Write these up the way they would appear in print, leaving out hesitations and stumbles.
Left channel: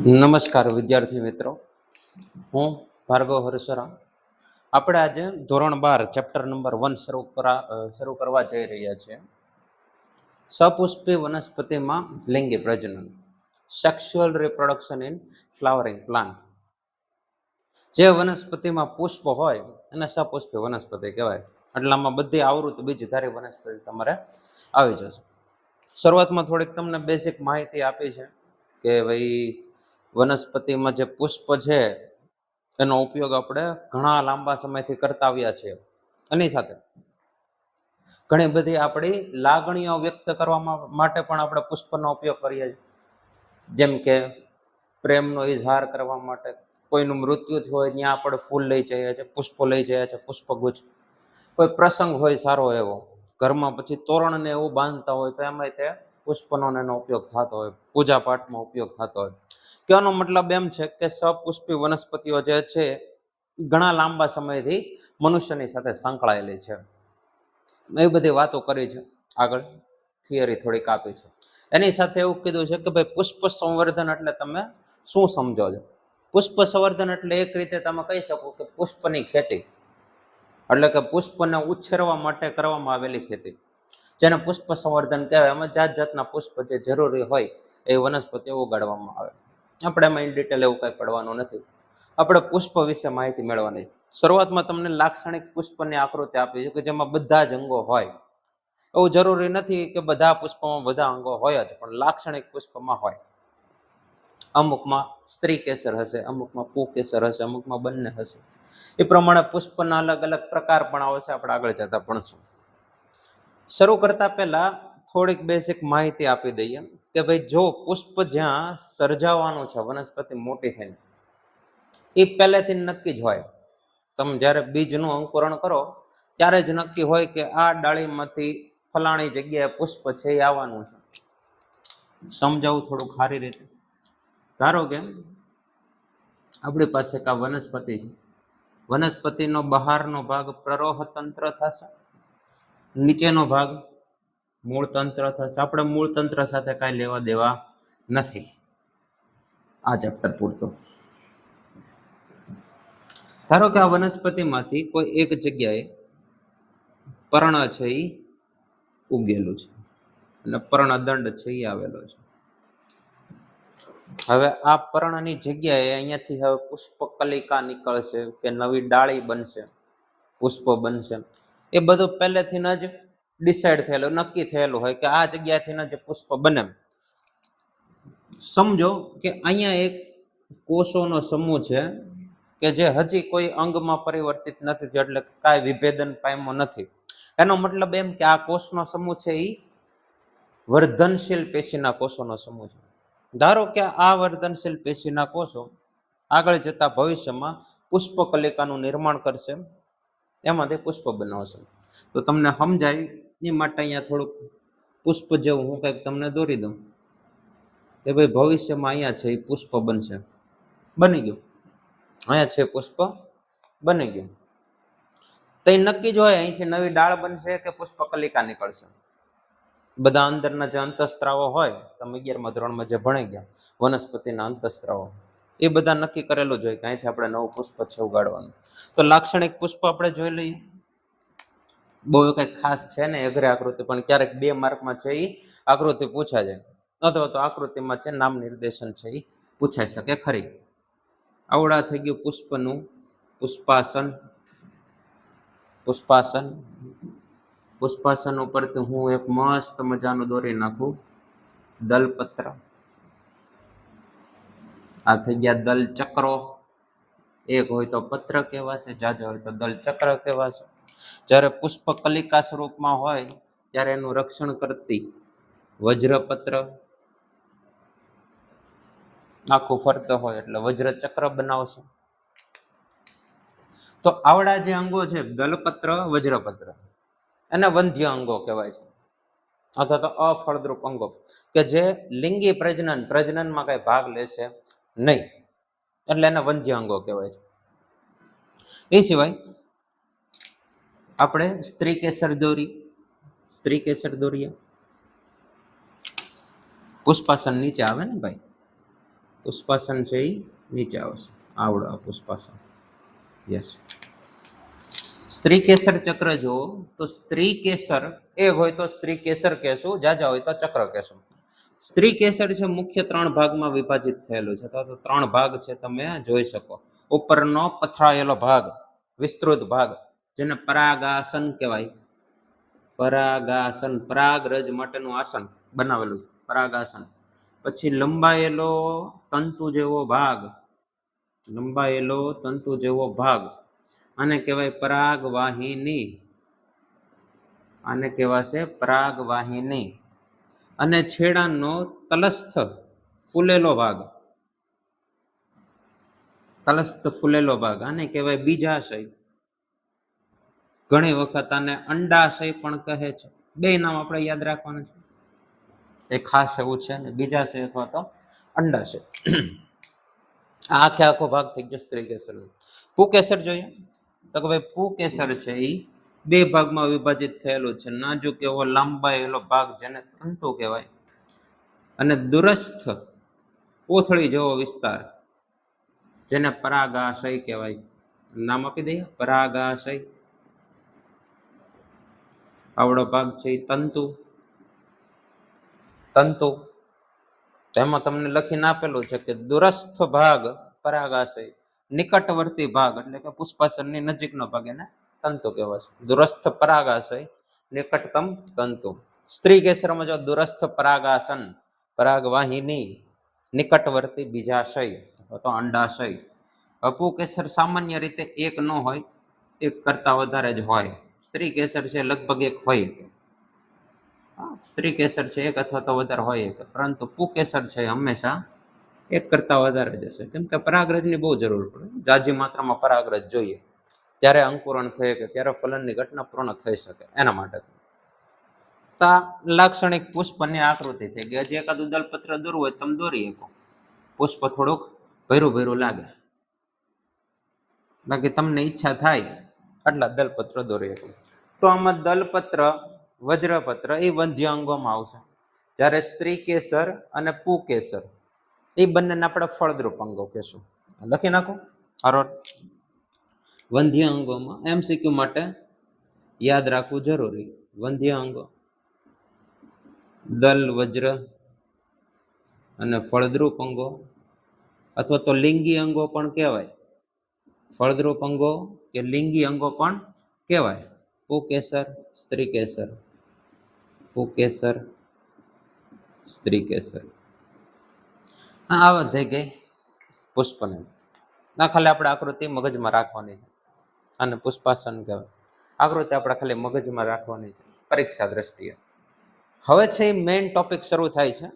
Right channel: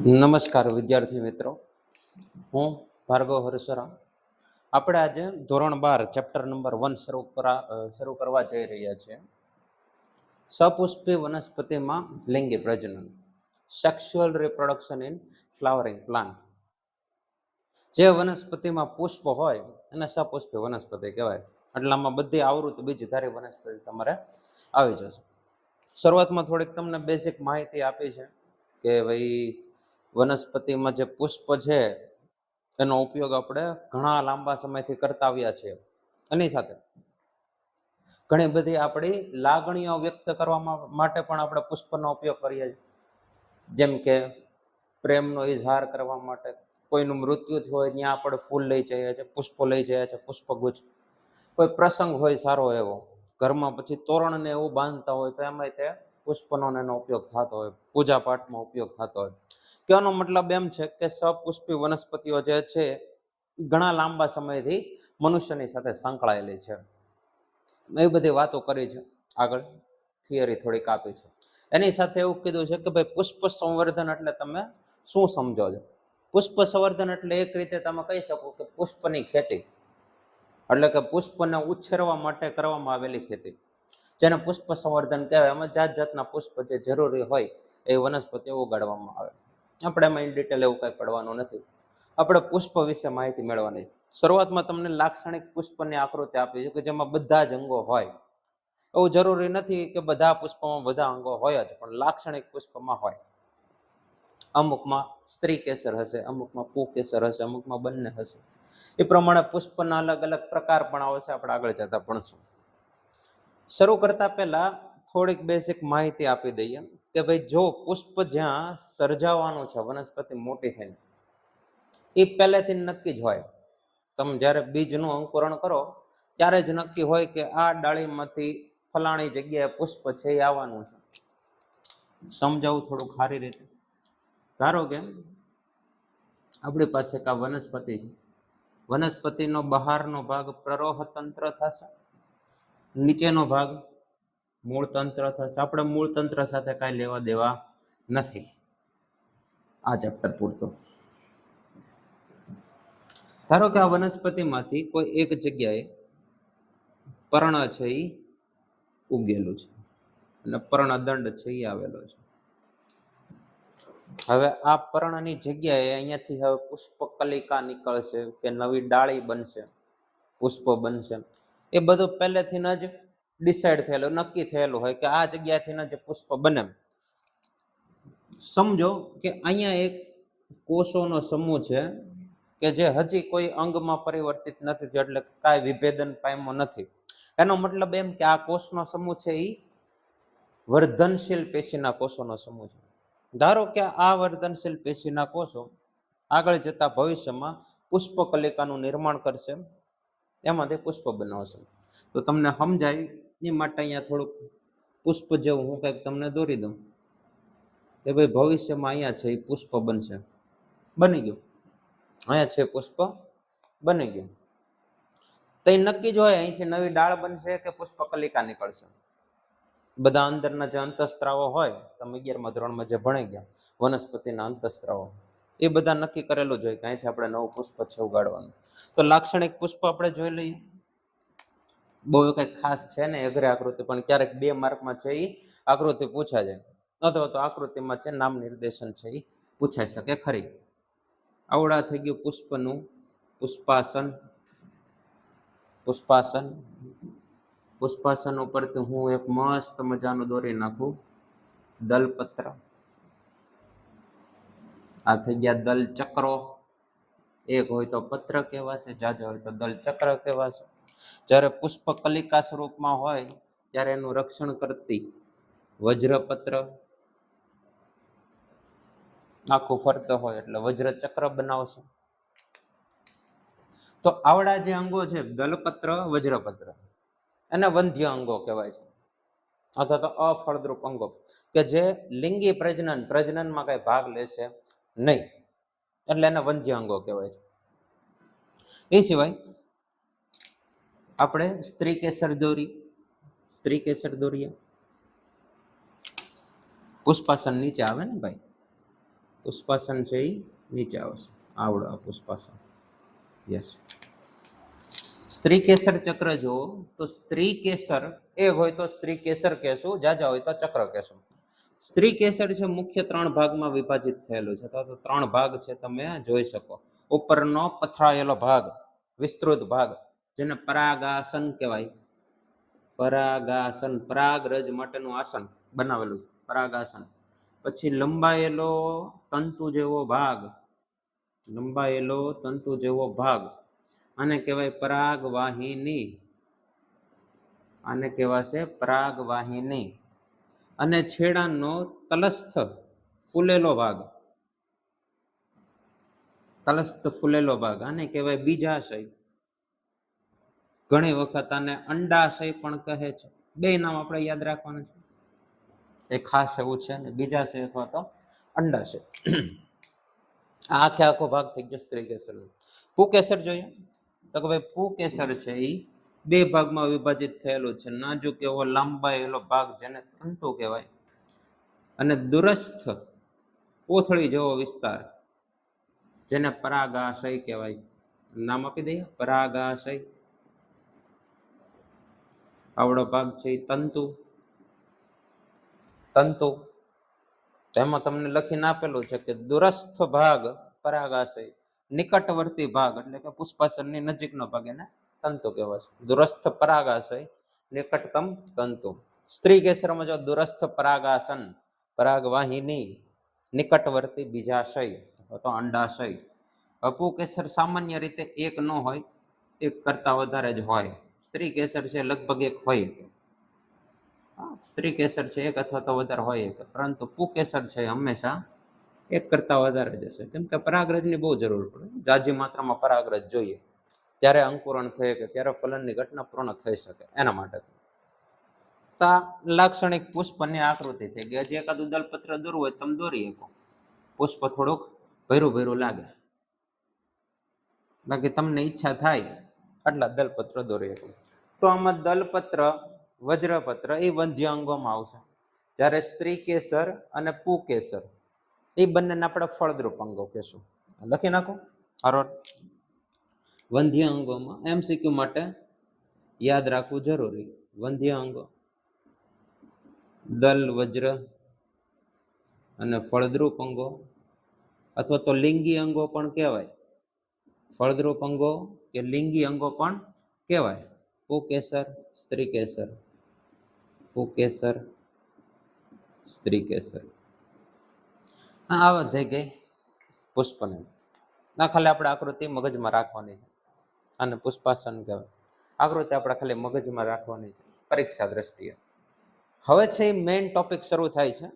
નમસ્કાર વિદ્યાર્થી મિત્રો, હું ભાર્ગવ હરસરા. આપણે આજે ધોરણ 12 ચેપ્ટર નંબર 1 શરૂ કરવા જઈ રહ્યા છીએ. સપુષ્પી વનસ્પતિમાં લિંગી પ્રજનન, sexual reproduction in flowering plant. જે વનસ્પતિમાં પુષ્પ હોય એને સપુષ્પી વનસ્પતિ કહેવાય. એટલામાં બધી આવૃત્તિ બીજધારી વનસ્પતિ તમારે આવી જશે. શરૂઆતમાં થોડીક તમને બેઝિક માહિતી આપી છે કે ભાઈ વનસ્પતિમાં જે પુષ્પ છે એનો ઉપયોગ આપણે ઘણા લાંબા સમયથી કરતા આવ્યા છીએ. એની સાથે ઘણી બધી આપણી લાગણીઓ વ્યક્ત કરવા માટે પણ આપણે પુષ્પનો ઉપયોગ કરીએ છીએ. જેમ કે પ્રેમનો ઇઝહાર કરવા માટે, કોઈનું મૃત્યુ થયું હોય ત્યાં આપણે ફૂલ લઈ જઈએ છીએ, પુષ્પો લઈ જઈએ છીએ, પુષ્પગુચ્છ. કોઈ પ્રસંગ હોય સારો એવો, ઘરમાં પછી તોરણને એવું બાંધતા હોય તો એમાં તે પુષ્પનો એનો ઉપયોગ થતો હોય, પૂજા પાઠમાં ઉપયોગ થતો હોય. કહેવાનો મતલબ એમ છે કે સપુષ્પી વનસ્પતિઓ જે છે ઘણા લાંબા સમયથી મનુષ્યની સાથે સંકળાયેલી છે. એ બધી વાતો કરી છે, આગળ થિયરી થોડીક આપી છે. એની સાથે એવું કીધું છે કે ભાઈ પુષ્પ સંવર્ધન એટલે તમે શું સમજો છો? પુષ્પ સંવર્ધન એટલે એક રીતે તમે કહી શકો કે પુષ્પની ખેતી, એટલે કે પુષ્પને ઉછેરવા માટે કરવામાં આવેલી ખેતી, જેને પુષ્પ સંવર્ધન કહેવાય. એમાં જાત જાતના પુષ્પ જે જરૂરી હોય એ વનસ્પતિઓ ઉગાડવામાં આવે. આપણે એમાં ઇન ડિટેલ એવું કંઈ પડવાનું નથી. આપણે પુષ્પ વિશે માહિતી મેળવવાની. શરૂઆતમાં તમને લાક્ષણિક પુષ્પની આકૃતિ આપી છે કે જેમાં બધા જ અંગો હોય. એવું જરૂરી નથી કે બધા પુષ્પમાં બધા અંગો હોય જ, પણ લાક્ષણિક પુષ્પમાં હોય. અમુકમાં સ્ત્રી કેસર હશે, અમુકમાં પુંકેસર હશે, અમુકમાં બંને હશે. એ પ્રમાણે પુષ્પના અલગ અલગ પ્રકાર પણ આવશે, આપણે આગળ જતા ભણશું. શરૂ કરતા પહેલા થોડીક બેઝિક માહિતી આપી દઈએ કે ભાઈ જો પુષ્પ જ્યાં સર્જાવાનું છે વનસ્પતિ મોટી થઈને, એ પહેલેથી નક્કી જ હોય. તમે જ્યારે બીજનું અંકુરણ કરો ત્યારે જ નક્કી હોય કે આ ડાળીમાંથી ફલાણી જગ્યાએ પુષ્પ છે એ આવવાનું છે. સમજાવું થોડું સારી રીતે. ધારો કે આપણી પાસે એક આ વનસ્પતિ છે. વનસ્પતિનો બહારનો ભાગ પ્રરોહ તંત્ર થશે, નીચેનો ભાગ મૂળ તંત્ર થશે. આપણે મૂળ તંત્ર સાથે કાંઈ લેવા દેવા નથી આ ચેપ્ટર પૂરતું. ધારો કે આ વનસ્પતિમાંથી કોઈ એક જગ્યાએ પર્ણ છે એ ઉગેલું છે અને પર્ણદંડ છે એ આવેલો છે. હવે આ પર્ણની જગ્યાએ અહીંયાથી હવે પુષ્પકલિકા નીકળશે કે નવી ડાળી બનશે, પુષ્પ બનશે. એ બધું પહેલેથી જ ડિસાઇડ થયેલું, નક્કી થયેલું હોય કે આ જગ્યાથી જ પુષ્પ બને. સમજો કે અહીંયા એક કોષોનો સમૂહ છે કે જે હજી કોઈ અંગમાં પરિવર્તિત નથી થયો, એટલે કાંઈ વિભેદન પામ્યો નથી. એનો મતલબ એમ કે આ કોષનો સમૂહ છે એ વર્ધનશીલ પેશીના કોષોનો સમૂહ છે. ધારો કે આ વર્ધનશીલ પેશીના કોષો આગળ જતા ભવિષ્યમાં પુષ્પકલિકાનું નિર્માણ કરશે, એમાંથી પુષ્પ બનાવશે. તો તમને સમજાય એ માટે અહીંયા થોડુંક પુષ્પ જેવું હું કંઈક તમને દોરી દઉં કે ભાઈ ભવિષ્યમાં અહીંયા છે એ પુષ્પ બનશે, બની ગયું. અહીંયા છે પુષ્પ બની ગયું. તો એ નક્કી જ હોય અહીંથી નવી ડાળ બનશે કે પુષ્પકલિકા નીકળશે. બધા અંદરના જે અંતઃસ્ત્રાવો હોય, તમે 11મા ધોરણમાં જે ભણી ગયા વનસ્પતિના અંતઃસ્ત્રાવો, એ બધા નક્કી કરેલું જ હોય કે અહીંથી આપણે નવું પુષ્પ છે ઉગાડવાનું. તો લાક્ષણિક પુષ્પ આપણે જોઈ લઈએ. બહુ કંઈક ખાસ છે ને અઘરી આકૃતિ, પણ ક્યારેક 2 માર્કમાં છે એ આકૃતિ પૂછાય જાય, અથવા તો આકૃતિમાં છે નામ નિર્દેશન છે એ પૂછાઈ શકે ખરી. આવડા થઈ ગયું પુષ્પનું પુષ્પાસન. પુષ્પાસન પુષ્પાસન ઉપરથી હું એક મસ્ત મજાનું દોરી નાખું દલપત્ર. આ થઈ ગયા દલ ચક્રો. એક હોય તો પત્ર કહેવાશે, જાજા હોય તો દલ ચક્ર કહેવાશે. જ્યારે પુષ્પકલિકા સ્વરૂપમાં હોય ત્યારે એનું રક્ષણ કરતી વજ્રપત્ર આખું ફરતો હોય એટલે વજ્ર ચક્ર બનાવશે. તો આવડા જે અંગો છે દલપત્ર, વજ્રપત્ર, એને વંધ્ય અંગો કહેવાય છે, અથવા તો અફળદ્રુપ અંગો કે જે લિંગી પ્રજનનમાં કઈ ભાગ લેશે નહીં, એટલે એને વંધ્ય અંગો કહેવાય છે. એ સિવાય આપણે સ્ત્રી કેસર દોરીએ. પુષ્પાસન નીચે આવે ને ભાઈ, પુષ્પાસન છે એ નીચે આવશે, આવડો પુષ્પાસન. યસ. સ્ત્રી કેસર ચક્ર જુઓ તો સ્ત્રી કેસર એક હોય તો સ્ત્રી કેસર કહેશું, જાજા હોય તો ચક્ર કહેશું. સ્ત્રી કેસર છે મુખ્ય 3 ભાગમાં વિભાજિત થયેલું છે. તો 3 ભાગ છે, તમે જોઈ શકો. ઉપરનો પથરાયેલો ભાગ, વિસ્તૃત ભાગ, જેને પરાગાસન કહેવાય. પરાગાસન, પરાગ રજ માટેનું આસન બનાવેલું પરાગાસન. પછી લંબાયેલો તંતુ જેવો ભાગ, લંબાયેલો તંતુ જેવો ભાગ, આને કહેવાય પરાગવાહિની. આને કહેવાશે પરાગવાહિની. અને છેડાનો તલસ્થ ફૂલેલો ભાગ, તલસ્થ ફૂલેલો ભાગ, આને કહેવાય બીજાશય. ઘણી વખત આને અંડાશય પણ કહે છે. બે નામ આપણે યાદ રાખવાનું છે, એ ખાસ એવું છે ને, બીજાશય અથવા તો અંડાશય. આખે આખો ભાગ થઈ ગયો સ્ત્રી કેસર. પુકેસર જોઈએ તો કે ભાઈ પુકેસર છે એ 2 ભાગમાં વિભાજિત થયેલું છે. નાજુક એવો લાંબાયેલો ભાગ જેને તંતુ કહેવાય, અને દુરસ્થ કોથળી જેવો વિસ્તાર જેને પરાગાશય કહેવાય. નામ આપી દઈએ પરાગાશય. આવડો ભાગ છે એ તંતુ. તંતુ તેમાં તમને લખીને આપેલું છે કે દુરસ્થ ભાગ પરાગાશય, નિકટવર્તી ભાગ એટલે કે પુષ્પાસનની નજીકનો ભાગ એને તંતુ કહેવાય છે. દુરસ્થ પરાગાશય, નિકટતમ તંતુ. સ્ત્રી કેસરમાં જો દુરસ્થ પરાગાસન, પરાગવાહિની, નિકટવર્તી બીજાશય અથવા તો અંડાશય. પુકેસર સામાન્ય રીતે એક ન હોય, એક કરતા વધારે જ હોય. સ્ત્રી કેસર છે લગભગ એક હોય, સ્ત્રી કેસર છે એક અથવા તો વધારે હોય, પરંતુ પુકેસર છે હંમેશા એક કરતા વધારે જ હશે. કેમ કે પરાગરજની બહુ જરૂર પડે, જાજી માત્રામાં પરાગરજ જોઈએ ત્યારે અંકુરણ થઈ શકે, ત્યારે ફલનની ઘટના પૂર્ણ થઈ શકે. એના માટે લાક્ષણિક પુષ્પની આકૃતિ થઈ ગઈ. હજી એકાદું દલપત્ર દોરવું હોય તમે દોરી શકો. પુષ્પ થોડુંક ભેરું ભેરું લાગે, બાકી તમને ઈચ્છા થાય આટલા દલપત્ર દોરી શકો. તો આમાં દલપત્ર, વજ્રપત્ર એ વંધ્ય અંગોમાં આવશે, જ્યારે સ્ત્રી કેસર અને પુકેસર એ બંનેને આપણે ફળદ્રુપ અંગો કહેશું. લખી નાખો હારો. વંધ્ય અંગોમાં MCQ માટે યાદ રાખવું જરૂરી. વંધ્ય અંગો દલ, વજ્ર અને ફળદ્રુપ અંગો, અથવા તો લિંગી અંગો પણ કહેવાય. ફળદ્રુપ અંગો કે લિંગી અંગો પણ કહેવાય. પુકેસર, સ્ત્રી કેસર, પુકેસર, સ્ત્રી કેસર. આવા થઈ ગઈ પુષ્પની. ખાલી આપણે આકૃતિ મગજમાં રાખવાની છે, અને પુષ્પાસન કહેવાય. આકૃતિ આપણે ખાલી મગજમાં રાખવાની છે પરીક્ષા દ્રષ્ટિએ. હવે છે એ મેઇન ટોપિક શરૂ થાય છે.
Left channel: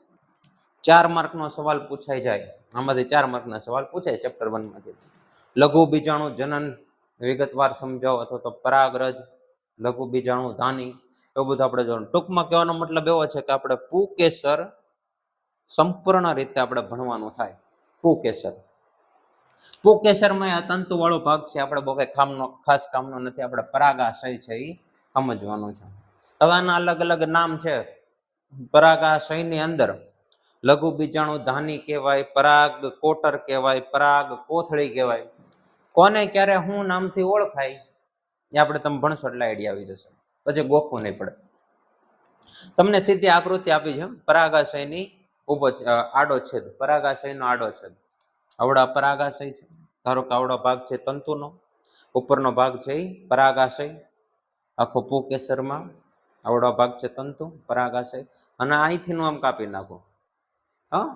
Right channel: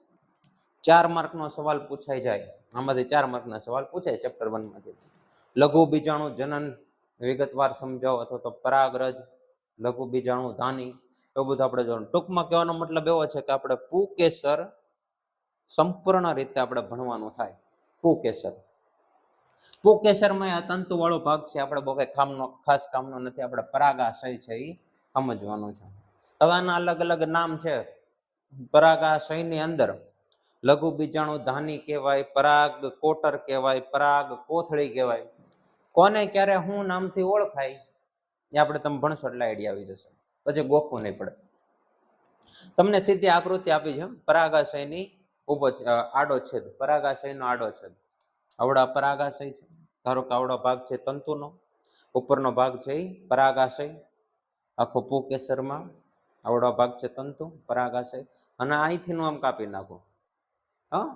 4 માર્કનો સવાલ પૂછાઈ જાય. આમાંથી 4 માર્કના સવાલ પૂછાય ચેપ્ટર 1 માંથી. લઘુ બીજાણુ જનન વિગતવાર સમજાવો, અથવા તો પરાગરજ, લઘુ બીજાણુ ધાની, એવું બધું આપણે જોવાનું. ટૂંકમાં કહેવાનો મતલબ એવો છે કે આપણે પુકેસર સંપૂર્ણ રીતે આપણે ભણવાનું થાય. પુકેસર, પુકેસરમાં આ તંતુ વાળો ભાગ છે, આપણે બહુ કઈ ખાસ કામનો નથી. આપણે પરાગાશય છે એ સમજવાનું છે. હવે આના અલગ અલગ નામ છે. પરાગાશયની અંદર લઘુ બીજાણુ ધાની કહેવાય, પરાગ કોટર કહેવાય, પરાગ કોથળી કહેવાય. કોને ક્યારે શું નામથી ઓળખાય એ આપણે તમે ભણશો એટલે આઈડિયા આવી જશે, પછી ગોખવું નહીં પડે. તમને સીધી આકૃતિ આપી છે પરાગાશયની ઉભો આડો છેદ, પરાગાશયનો આડો છેદ. આવડા પરાગાશય છે, ધારો કે આવડો ભાગ છે તંતુનો, ઉપરનો ભાગ છે એ પરાગાશય. આખો પુકેસરમાં આવડો ભાગ છે તંતુ, પરાગાશય. અને અહીંથી આમ કાપી નાખો. હા,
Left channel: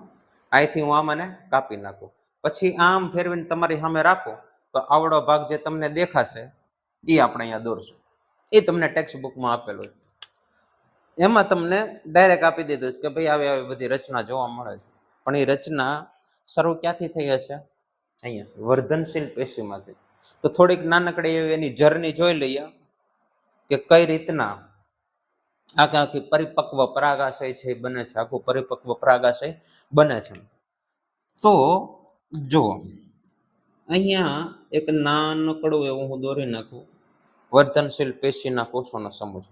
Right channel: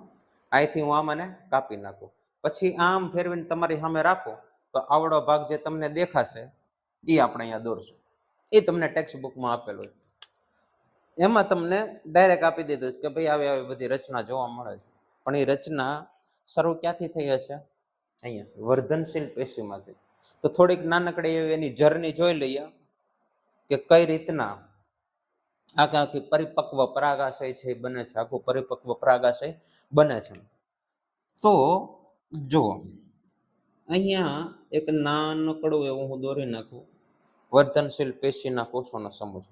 અહીંથી હું આમ અને કાપી નાખું, પછી આમ ફેરવીને તમારી સામે રાખો તો આવડો ભાગ જે તમને દેખાશે એ આપણે અહીંયા દોરશું. એ તમને ટેક્સ્ટ બુકમાં આપેલું છે. એમાં તમને ડાયરેક્ટ આપી દીધું છે કે ભાઈ આવી આવી બધી રચના જોવા મળે છે. પણ એ રચના શરૂ ક્યાંથી થઈ હશે? અહીંયા વર્ધનશીલ પેશીમાંથી. તો થોડીક નાનકડી એવી એની જર્ની જોઈ લઈએ કે કઈ રીતના આખી પરિપક્વ પરાગાશય છે બને છે, આખું પરિપક્વ પરાગાશય બને છે. તો જુઓ, અહીંયા એક નાનકડું એવું હું દોરી નાખું વર્ધનશીલ પેશીના કોષોનો સમૂહ.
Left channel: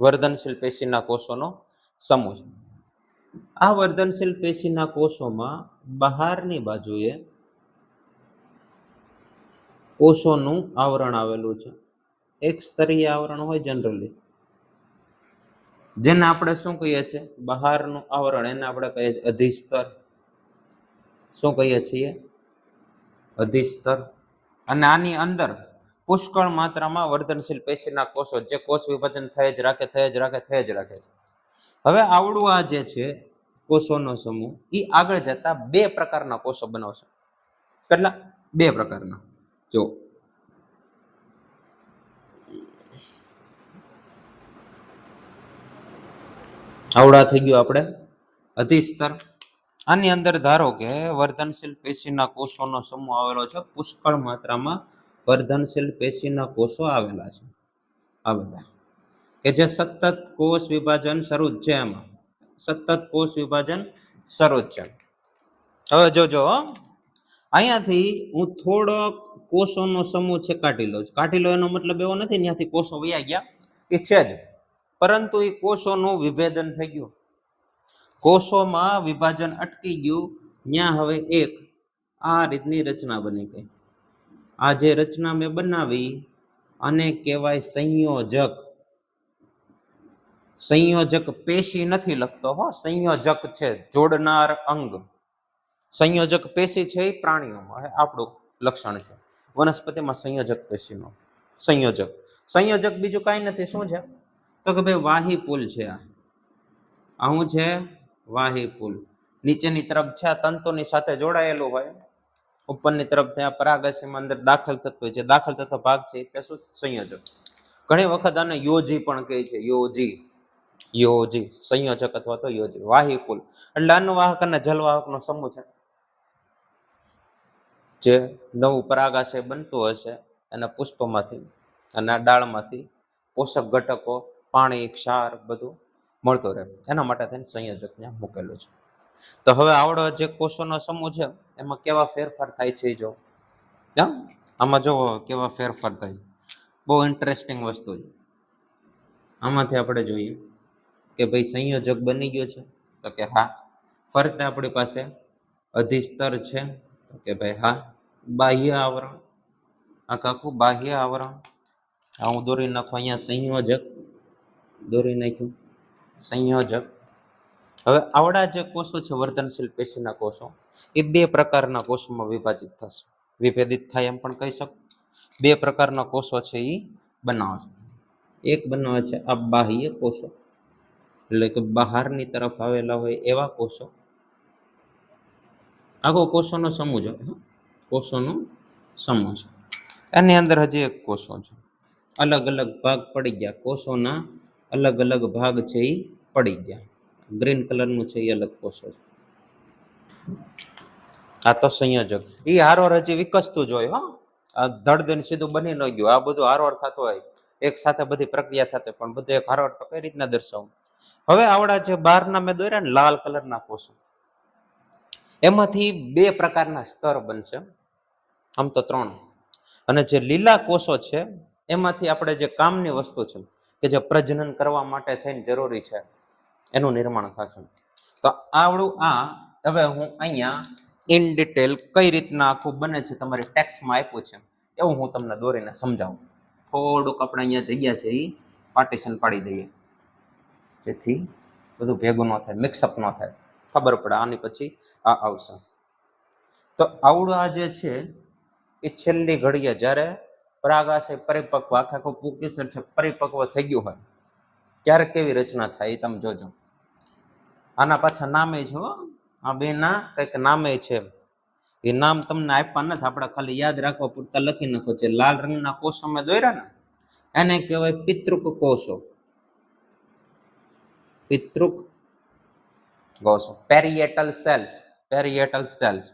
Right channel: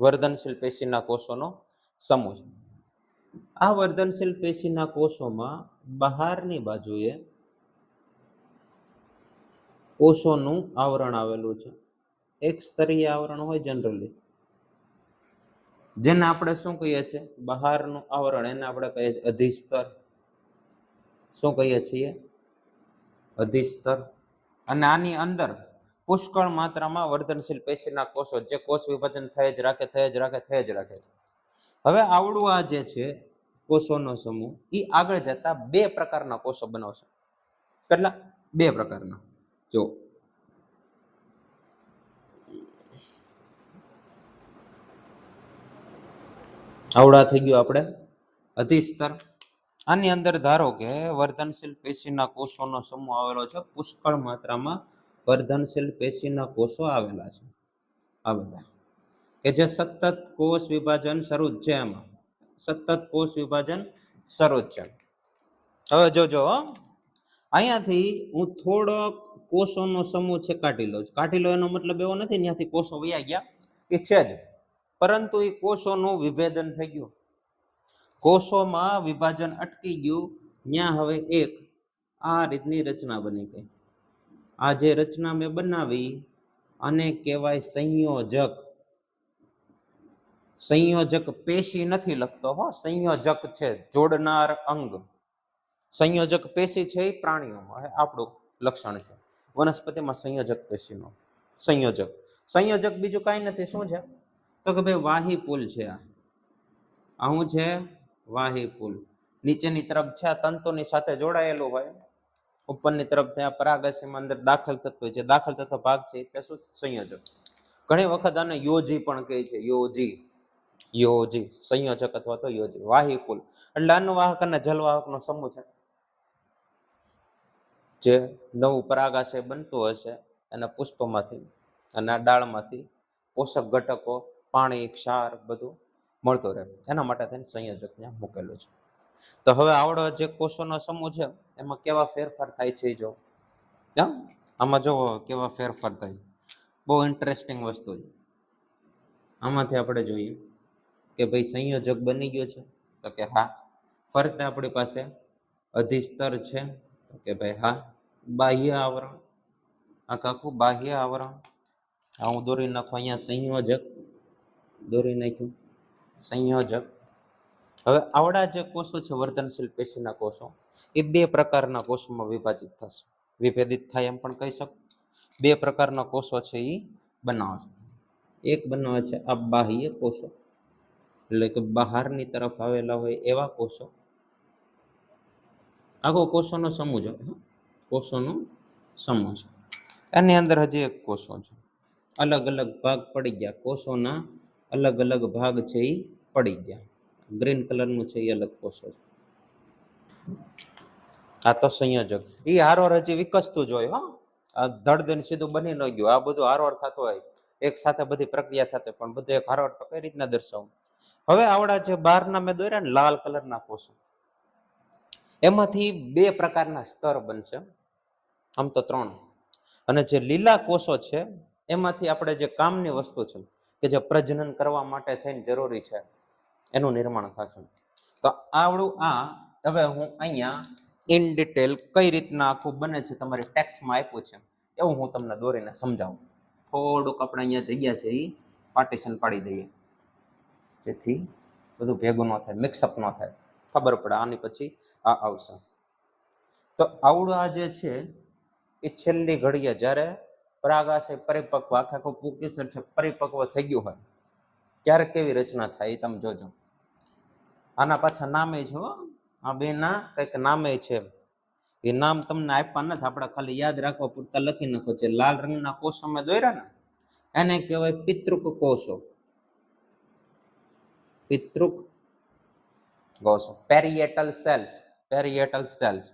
વર્ધનશીલ પેશીના કોષોનો સમૂહ. આ વર્ધનશીલ પેશીના કોષોમાં બહારની બાજુએ કોષોનું આવરણ આવેલું છે. એક સ્તરીય આવરણ હોય જનરલી, જેને આપણે શું કહીએ છીએ? બહારનું આવરણ. એને આપણે કહીએ છીએ અધિસ્તર. શું કહીએ છીએ? અધિસ્તર. અને આની અંદર પુષ્કળ માત્રામાં વર્ધનશીલ પેશીના કોષો, જે કોષ વિભાજન થઈ જ રાખે. હવે આવડું આ જે છે કોષોનો સમૂહ, એ આગળ જતા બે પ્રકારના કોષો બનાવશે. કેટલા? બે પ્રકારના. જો આવડા થઈ ગયું આપણે અધિસ્તર. આની અંદર ધારો કે વર્ધનશીલ પેશીના કોષોનો સમૂહ આવેલો છે. પુષ્કળ માત્રામાં વર્ધનશીલ પેશીના કોષો આવેલા છે. આ બધા કે જે સતત કોષ વિભાજન શરૂ જ છે. એમાં સતત કોષ વિભાજન શરૂ જ છે. હવે જોજો, અહીંયાથી હું થોડો કોષોનો સમૂહ છે કાઢી લઉં છું. કાઢી લો એનો મતલબ એવો નથી ત્યાંથી કોષો વયા ગયા, એ છે જ, પરંતુ એ કોષોનું વિભેદન થઈ ગયું. કોષોમાં વિભાજન અટકી ગયું. ત્યાં હવે એક આ રીતની રચના બની ગઈ. આ જે રચના મેં બનાવી આને કહેવાય સંયોજક. સંયોજક પેશી નથી લખતો હો, સંયોજક છે, જોડનાર અંગ. સંયોજક પેશી છે એ પ્રાણીઓમાં આપણું લક્ષણ છે. વનસ્પતિમાં સંયોજક પેશીનો સંયોજક. સંયોજક બીજું કાંઈ નથી. શું છે? તો કે ભાઈ વાહી પુલ છે. આ શું છે? વાહી પુલ. નીચેની તરફ છે આ તંતુની સાથે જોડાયેલું હોય, ઉપરની તરફ ત્યાં પરાગશયમાં અંદર દાખલ થતો હોય છે. દાખલ થતો ભાગ છે તે શું? સંયોજક. ઘણી વખત આને યોજી પણ કહે છે. યોજી સંયોજક અથવા તો યોજી. વાહી પુલ એટલે અન્નવાહક અને જલવાહકનો સમૂહ છે. જે નવું પરાગાશય બનતું હશે એના પુષ્પમાંથી અને ડાળમાંથી પોષક ઘટકો, પાણી, ક્ષાર બધું મળતું રહે, એના માટે થઈને સંયોજક ત્યાં મૂકેલું છે. તો હવે આવડો જે કોષોનો સમૂહ છે એમાં કેવા ફેરફાર થાય છે જો આમાં જો કેવા ફેરફાર થાય. બહુ ઇન્ટરેસ્ટિંગ વસ્તુ છે. આમાંથી આપણે જોઈએ કે ભાઈ સંયોજક બની ગયો છે, તો કે હા. ફરતે આપણી પાસે અધિસ્તર છે, તો કે ભાઈ હા. બાહ્ય આવરણ, આખું બાહ્ય આવરણ. હું દોરી નાખું અહીંયા સંયોજક, દોરી નાખ્યું સંયોજક. હવે આવડા જે કોષો છે વર્ધનશીલ પેશીના કોષો, એ બે પ્રકારના કોષોમાં વિભાજિત થશે. વિભેદિત થાય એમ પણ કહી શકું. બે પ્રકારના કોષો છે એ બનાવે છે. એક બનાવે છે આ બાહ્ય કોષો, એટલે કે બહારની તરફ આવેલા હોય એવા કોષો. આખો કોષોનો સમૂહ છે, કોષોનો સમૂહ છે. એની અંદર હજી એક કોષો છે. અલગ અલગ ભાગ પડી ગયા. કોષોના અલગ અલગ ભાગ છે એ પડી ગયા. ગ્રીન કલરનું છે એ અલગ કોષો છે. આ તો સંયોજક. એ હારવાર હજી વિકસતું જ હોય. આ ધડધન સીધું બની ન ગયું. આ બધું હારવાર થતું હોય, એક સાથે બધી પ્રક્રિયા થતી, પણ બધું એક હારવાર તો કઈ રીતના દર્શાવું. હવે આવડા જે બહારના મેં દોર્યા ને લાલ કલરના કોષો, એમાંથી બે પ્રકારના સ્તર બનશે. આમ તો ત્રણ. અને જે લીલા કોષો છે એમાંથી આપણે જે કામની વસ્તુ છે કે જે પ્રજનન કરવા માટે થઈને જરૂરી છે એનું નિર્માણ થશે. તો આવડું આ હવે હું અહીંયા ઇન ડિટેલ કઈ રીતના આખું બને છે તમારી ટેક્સ્ટમાં આપ્યું છે એવું હું તમને દોરીને સમજાવું. થોડુંક આપણે અહીંયા જગ્યા છે એ પાર્ટીશન પાડી દઈએ, જેથી બધું ભેગું ન થાય, મિક્સઅપ ન થાય, ખબર પડે. આની પછી આ આવશે. તો આવડું આ જે છે એ છેલ્લી ઘડીએ જ્યારે પરાગાશય પરિપક્વ, આખું પુંકેસર છે પરિપક્વ થઈ ગયું હોય ત્યારે કેવી રચના થાય એ તમે જોજો. આના પાછા નામે છે, આ બે ના કંઈક નામે છે. એ નામ તમને આપ્યા નથી, આપણે ખાલી યાદ રાખવા પૂરતા લખી નાખો. જે લાલ રંગના કોષો મેં દોર્યા ને એને કહેવાય પિતૃક કોષો. પિતૃક કોષો, પેરિએટલ સેલ્સ. પેરિએટલ સેલ્સ.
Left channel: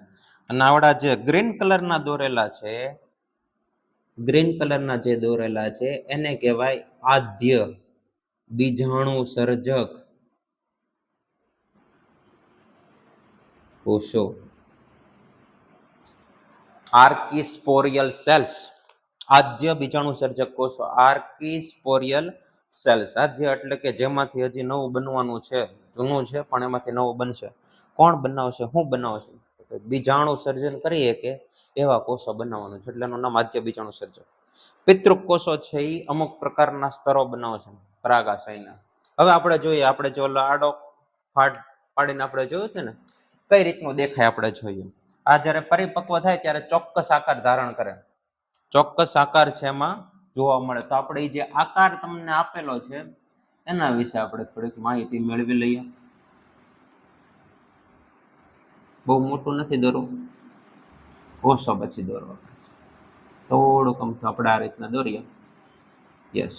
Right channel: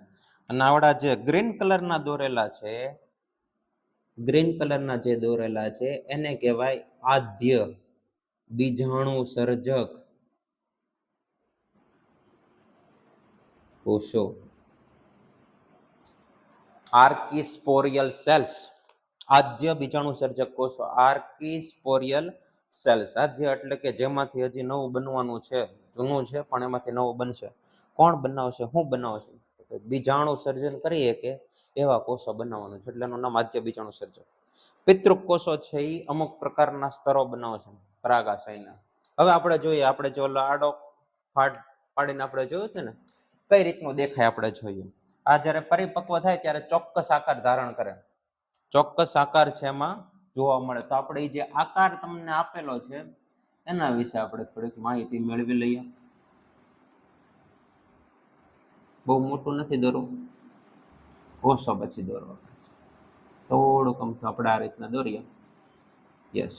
અને આવડા જે ગ્રીન કલરના દોરેલા છે, ગ્રીન કલરના જે દોરેલા છે એને કહેવાય આદ્ય બીજાણુ સર્જક કોષો. આર્કિસ્પોરિયલ સેલ્સ. આદ્ય બીજાણુ સર્જક કોષો, આર્કિસ્પોરિયલ સેલ. સાધ્ય એટલે કે જેમાંથી હજી નવું બનવાનું છે, જૂનું છે પણ એમાંથી નવું બનશે. કોણ બનાવશે, શું બનાવશે? બીજાણુ સર્જન કરીએ કે એવા કોષો બનાવવાનું છે, એટલે એનું નામ આદ્ય બીજાણુ સર્જન. પિતૃક કોષો છે એ અમુક પ્રકારના સ્તરો બનાવે છે પરાગાશયના. હવે આપણે જોઈએ, આપણે જો આડો ફાટ પાડીને આપણે જોયું છે ને કઈ રીતનું દેખાય, આપણે જોઈએ. આ જ્યારે પરિપક્વ થાય ત્યારે ચોક્કસ આકાર ધારણ કરે, ચોક્કસ આકાર છે એમાં જોવા મળે. તો આપણે જે આકાર તમને આપેલો છે એના વિશે આપણે થોડીક માહિતી મેળવી લઈએ. બહુ મોટું નથી દોરવું, ઓછો પછી દોરવા પડશે. થોડુંક અમથું આપણે આ રીતના દોરીએ. યસ.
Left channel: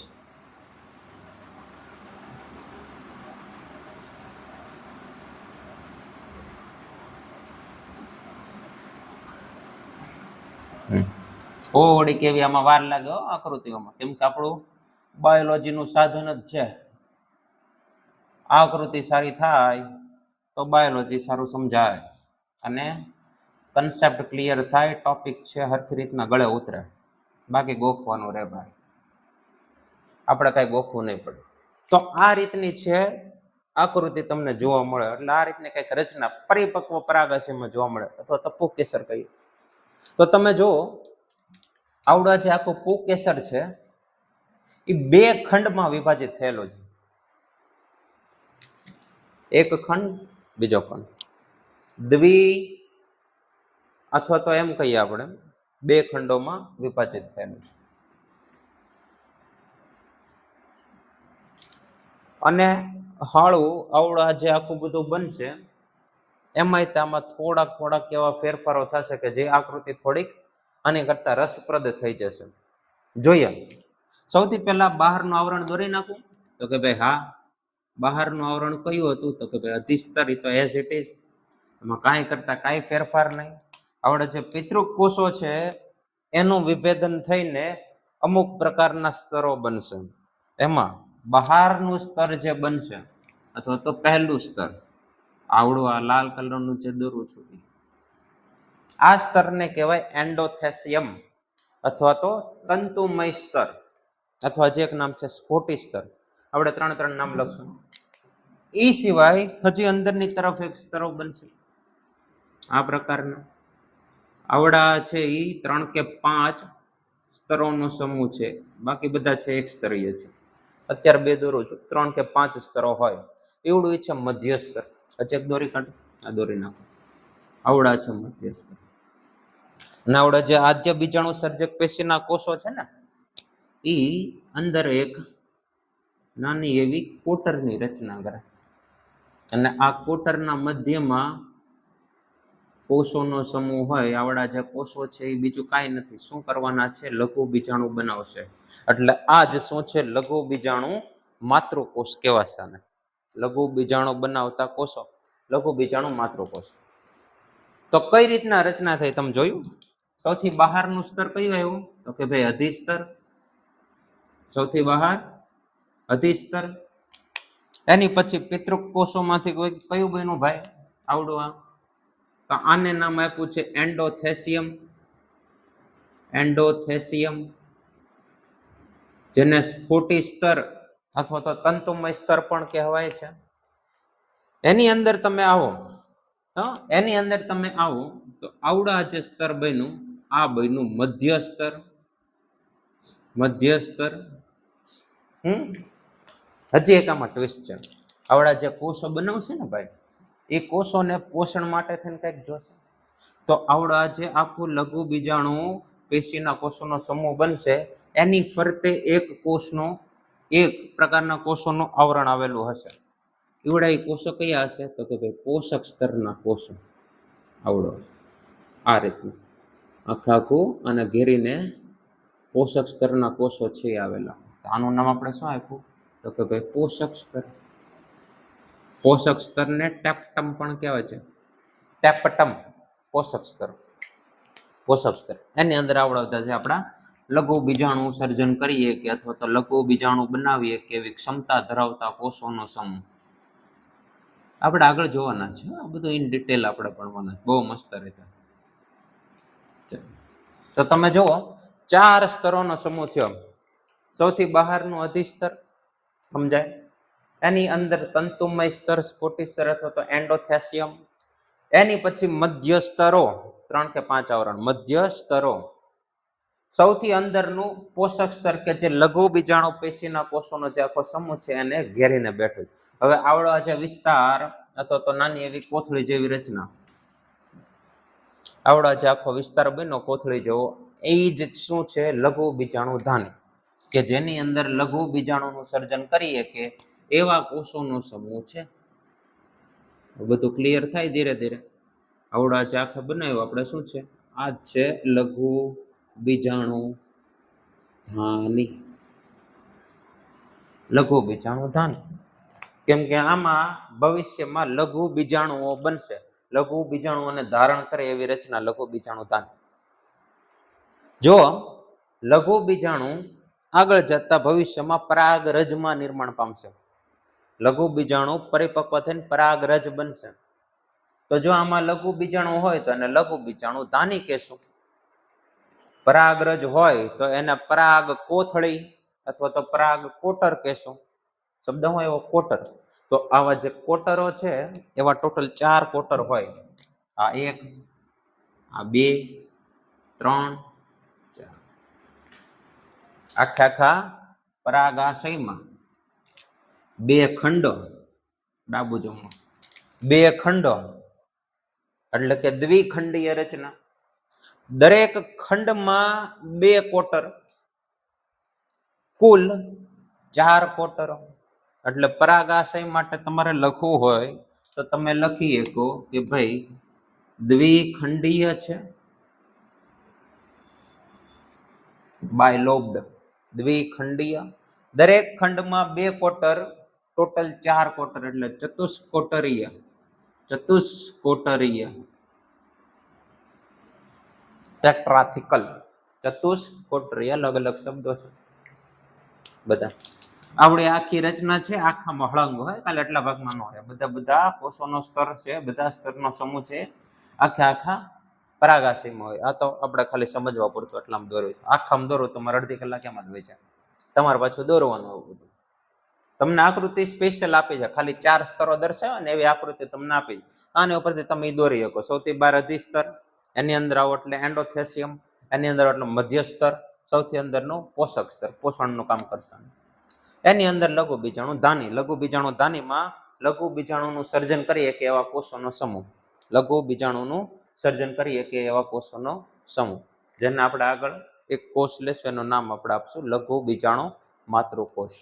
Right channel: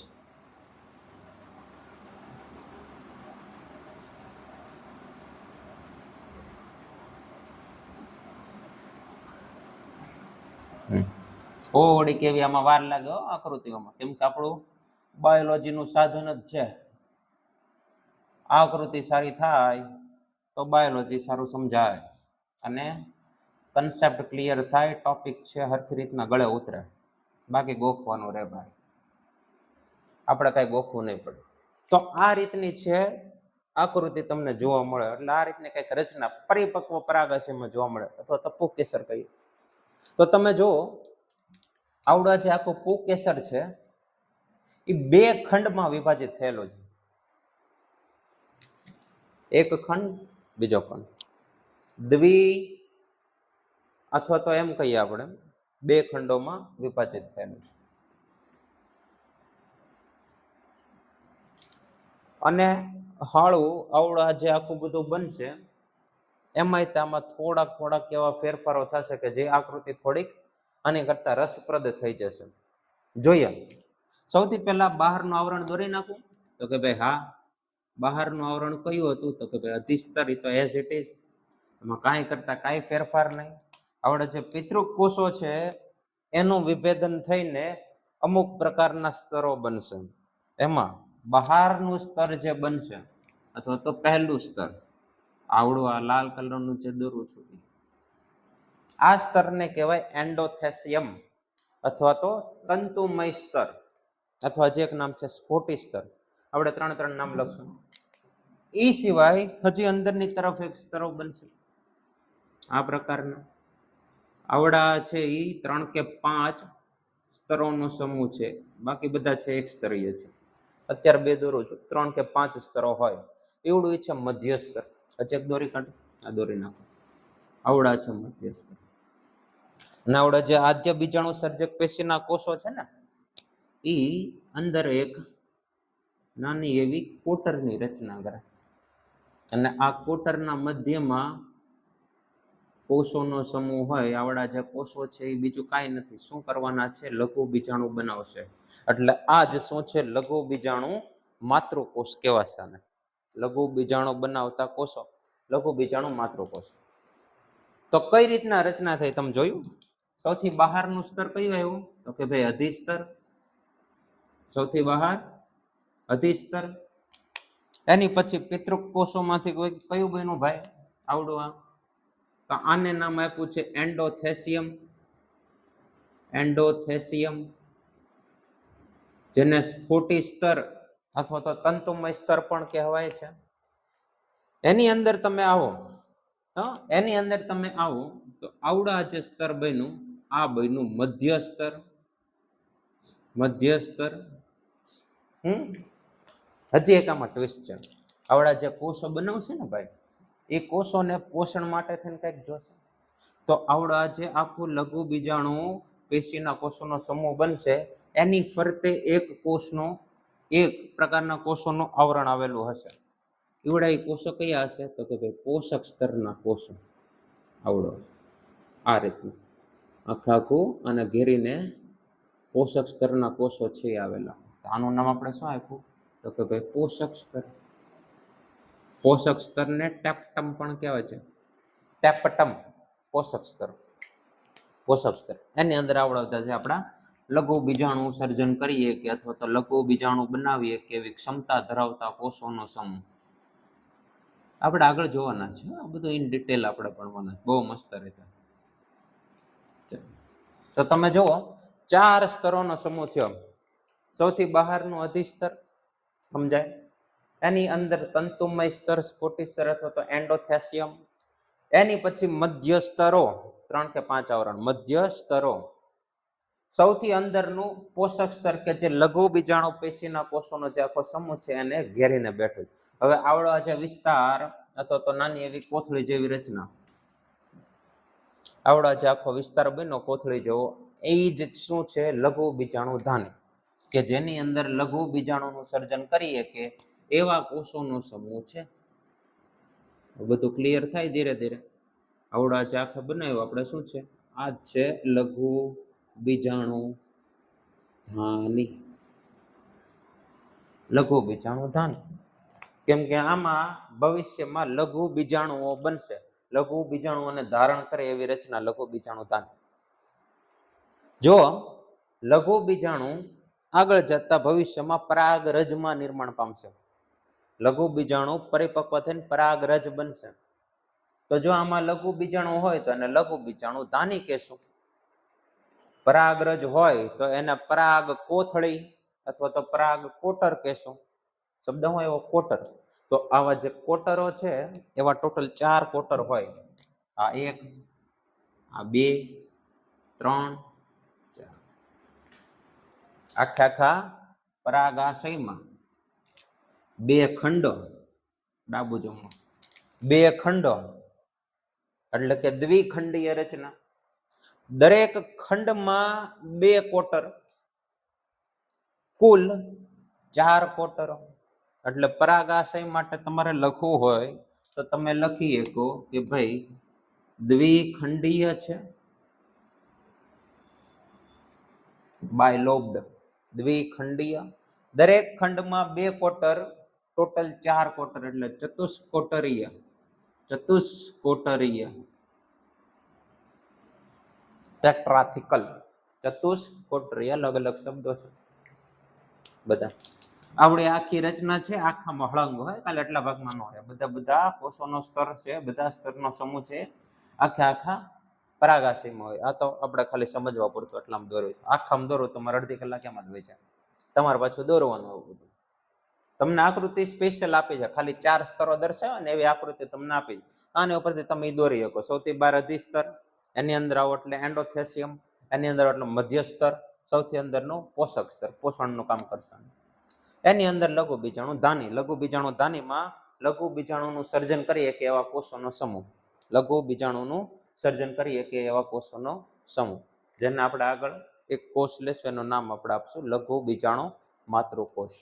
થોડી કેવી આમાં વાર લાગે આકૃતિઓમાં, કેમ કે આપણું બાયોલોજીનું સાધન જ છે. આકૃતિ સારી થાય તો બાયોલોજી સારું સમજાય અને કન્સેપ્ટ ક્લિયર થાય, ટોપિક છે હરખી રીતના ગળે ઉતરે. બાકી ગોખવાનું રે ભાઈ, આપણે કઈ ગોખવું નહીં પડે. તો આ રીતની છે આકૃતિ તમને જોવા મળે. એટલે આ રીતની કઈક રચના પરિપક્વ પરાગાશયમાં જોવા મળે, અથવા તો પુંકેસર કહીએ. તો તમે જુઓ, આવડા જે આખું પુંકેસર છે એ બે ખંડમાં વિભાજિત થયેલો છે. એક ખંડ, બીજો ખંડ. દ્વિ અથવા તો એમ કહીએ આપણે બે ખંડોમાં વિભાજિત થયેલું છે. અને હાળું આવડા જે આખું બધું બનશે એમાંય આમાં થોડાક એવા ફેરફારો થશે કે જે આકૃતિ થોડીક આની કરતા રસપ્રદ થઈ જશે. જોઈએ, સૌથી પહેલા બહારનું આવરણ દોરી નાખું તો કે ભાઈ હા, બહારનું આવરણ કયું હતું તો કે ભાઈ અધિસ્તર. તો એઝ ઇટ ઇઝ, એમાં કાંઈ કરતા કાંઈ ફેરફાર નહીં. આવડે જે પિતૃક કોષો છે એનું વિભેદન થઈને અમુક પ્રકારના સ્તરો બનશે. એમાં બહારનું સ્તર જે બનશે, અથવા તો પહેલું સ્તર, આવડું આ લાલ કલરનું જે દોરું છું, આ સ્તરને કહેવાય એન્ડોથેસિયમ અથવા તો તંતુમય સ્તર, અથવા જે એક નામ છે સ્ફોટી સ્તર. આપણે ત્રણ નામ લખશું. એ સિવાય હજી અંદરની તરફ એક સ્તરો બનશે આ પ્રકારના. આવડા છે એ 3 કે 5 સ્તરોનો સમૂહ છે, બાકી બધા છે એક સ્તરીય છે. અત્યારે બે દોરું છું, 3 કે 5 સ્તરો હોય એવડું છે મધ્ય સ્તર. હજી એક દોરી કાઢો, આ દોરી નાખો. આવડા છે મધ્ય સ્તર. અને આવડા જે આદ્ય બીજાણુ સર્જક પેશીના કોષો છે ને, એ અંદર એક નાની એવી કોટરની રચના કરે. અને આ કોટરના મધ્યમાં કોષોનો સમૂહ હોય. આવડા જે કોષો છે એ બીજું કાંઈ નથી, શું કરવાના છે, લઘુ બીજાણુ બનાવશે. એટલે આ જ શું છે, લઘુ બીજાણુ માતૃકોષ કહેવાશે આને. લઘુ બીજાણુ બનાવતા કોષો, લઘુ બીજાણુ માતૃકોષ. તો કઈ રીતના રચના થઈ તમે જોયું? સૌથી બહારનું સ્તર કયું આવ્યું તો કે ભાઈ અધિસ્તર. સૌથી બહાર અધિસ્તર. એની પછી પિતૃક કોષોમાંથી કયું બન્યું ભાઈ? આવડું આ. તો આને નામ આપ્યું છે એન્ડોથેસિયમ. એન્ડોથેસિયમ, જેને સ્ફોટી સ્તર અથવા તો તંતુમય સ્તર પણ કહેવાય છે. એની અંદર તમે આવો, એની અંદર તમે આવો તો આવડા જે સ્તર બન્યું, આ બન્યું મધ્ય સ્તર. મધ્ય સ્તર. હજી એક આમાં ટ્વિસ્ટ છે. આવડા જે કોષો બનાવશે ને ભાઈ, એ કોષોને પોષણ માટે થઈને કંઈક જોશે. તો આવડા જે આખું લઘુ બીજાણુ પેશીના કોષોનો સમૂહ બનશે, એની ફરતે એક કોષનો, એક પ્રકારના કોષોનું આવરણ આવેલું હશે. એવડા એ કોષો કયા હશે તો કે ભાઈ પોષક સ્તરના કોષો. આવડો આ રીતનું આખું અને ઘેરીને પોષક સ્તરના કોષો છે આવેલા. આનું નામ આપણે શું આપ્યું તો કે ભાઈ પોષક સ્તર. પોષક સ્તરને ટેપ્ટમ પણ કહેવાય છે. ટેપ્ટમ પોષક સ્તર. પોષક સ્તર એની અંદર આવડતા છે આપણા લઘુ બીજાણુ સર્જન કરીએ કે અથવા તો લઘુ બીજાણુ બનાવીએ કે એવી ક્ષમતા ધરાવતા કોષોનો સમૂહ. આપણે આગળ જોવાના છે આ બધું ઇન ડિટેલ આપણે ભણવાના છે, બહુ મસ્ત રીતે. તો તમે જુઓ 4 સ્તરોનો સમૂહ થયો. સૌથી બહારનું અધિસ્તર, સમજાય? એની અંદર તંતુમય સ્તર, સ્ફોટી સ્તર અથવા તો એન્ડોથેસિયમ, એની પછી મધ્ય સ્તરો 3 કે 5 આવરણ મધ્ય સ્તરો, સૌથી અંદરનું પોષક સ્તર કે જે લઘુ બીજાણુ પેશીના કોષોનો જે આખો સમૂહ છે એને ઘેરીને બેઠું. હવે આવડો જે વિસ્તાર અથવા તો નાની એવી કોથળી જેવી રચના, આવડો જે આખો વિસ્તાર બન્યો કોથળી જેવો, એ જ શું છે? લઘુ બીજાણુ ધાની, કે જેની અંદર લઘુ બીજાણુનું સર્જન કરીએ કે એવા કોષોનો સમૂહ છે. બધું ક્લિયર થાય ધીરે ધીરે. આવડા જે આખે બનાવ્યું આપણે શું છે? આ છે લઘુ બીજાણુ ધાની. લઘુ બીજાણુ ધાની, કેમ કે આમાં ભવિષ્યમાં લઘુ બીજાણુઓ બનશે. લઘુ બીજાણુઓને ધારણ કરે એવી રચના લઘુ બીજાણુ ધાની. જો લઘુ બીજાણુ આગળ જતા ભવિષ્યમાં પરાગરજમાં નિર્માણ પામશે. લઘુ બીજાણુ પરિપક્વ થઈને પરાગરજ બનશે. તો જો આમાં લઘુ બીજાણુ હોય તો એને લઘુ બીજાણુ ધાની કહેશું. પરાગરજ હોય તો એને પરાગ કોથળી અથવા તો પરાગ કોટર કહેશું. શબ્દ હોય એવો કોટર. તો આવા જે કોટરો છે એવા ટોટલ 4 કોટર હોય. આ 1, આ 2, 3, 4. આખા પરાગાશયમાં 2 ખંડો, ડાબુ જમણું 2 ખંડો એટલે કે દ્વિખંડીય રચના. દરેક ખંડમાં 2 કોટર, કુલ 4 કોટરો. એટલે પરાગાશય માટે તમારે લખવું હોય તો તમે લખી શકો કે ભાઈ દ્વિખંડીય છે, બાયલોબ્ડ, દ્વિખંડીય. દરેક ખંડમાં 2 કોટર, ટોટલ 4 કોટર એટલે ચતુષ્કોટરીય. ચતુષ્કોટરીય, ટેટ્રાથિકલ, ચતુષ્કોટરીય. અલગ અલગ શબ્દો છે બધા. આવડે આખી રચના છે, આખામાં હળંગ હોય, કાલે એટલા ભાગમાં ન હોય. બધા કોષોનો સ્તર છે, બધા સ્તરનો સમૂહ છે, આખા પરાગાશયમાં હોય. આ તો આપણે ખાલી સમજવા પડતું એટલામાં દોરવું. આખામાં દોરવું તમારે અડધી કલાક એમ જ હોય છે. તમારે પાછું દોરવાનું આવું બધું. તમને આકૃતિ સ્પેશિયલ આપી છે, ખાલી 4 સ્તરો દર્શાવે ને એવી આકૃતિ તમને આપી. આની ઉપરથી તમે દોરી શકો. સૌથી બહાર અધિસ્તર, એની અંદર આવો એટલે એન્ડોથેસિયમ, એની અંદર એટલે મધ્ય સ્તર, સૌથી અંદરનું પોષક સ્તર, પોષણનું કામ કરશે. એની અંદર લઘુ બીજાણુ ધાની. લઘુ બીજાણુ ધાનીમાં લઘુ બીજાણુનું સર્જન કરીએ કે એવા કોષોનો સમૂહ. લઘુ બીજાણુનું સર્જન કરીએ કે એવા કોષોનો સમૂહ, જેને આપણે આગળ એક કોષ લેશું એનું નામ આપણે આપશું લઘુ બીજાણુ માતૃકોષ.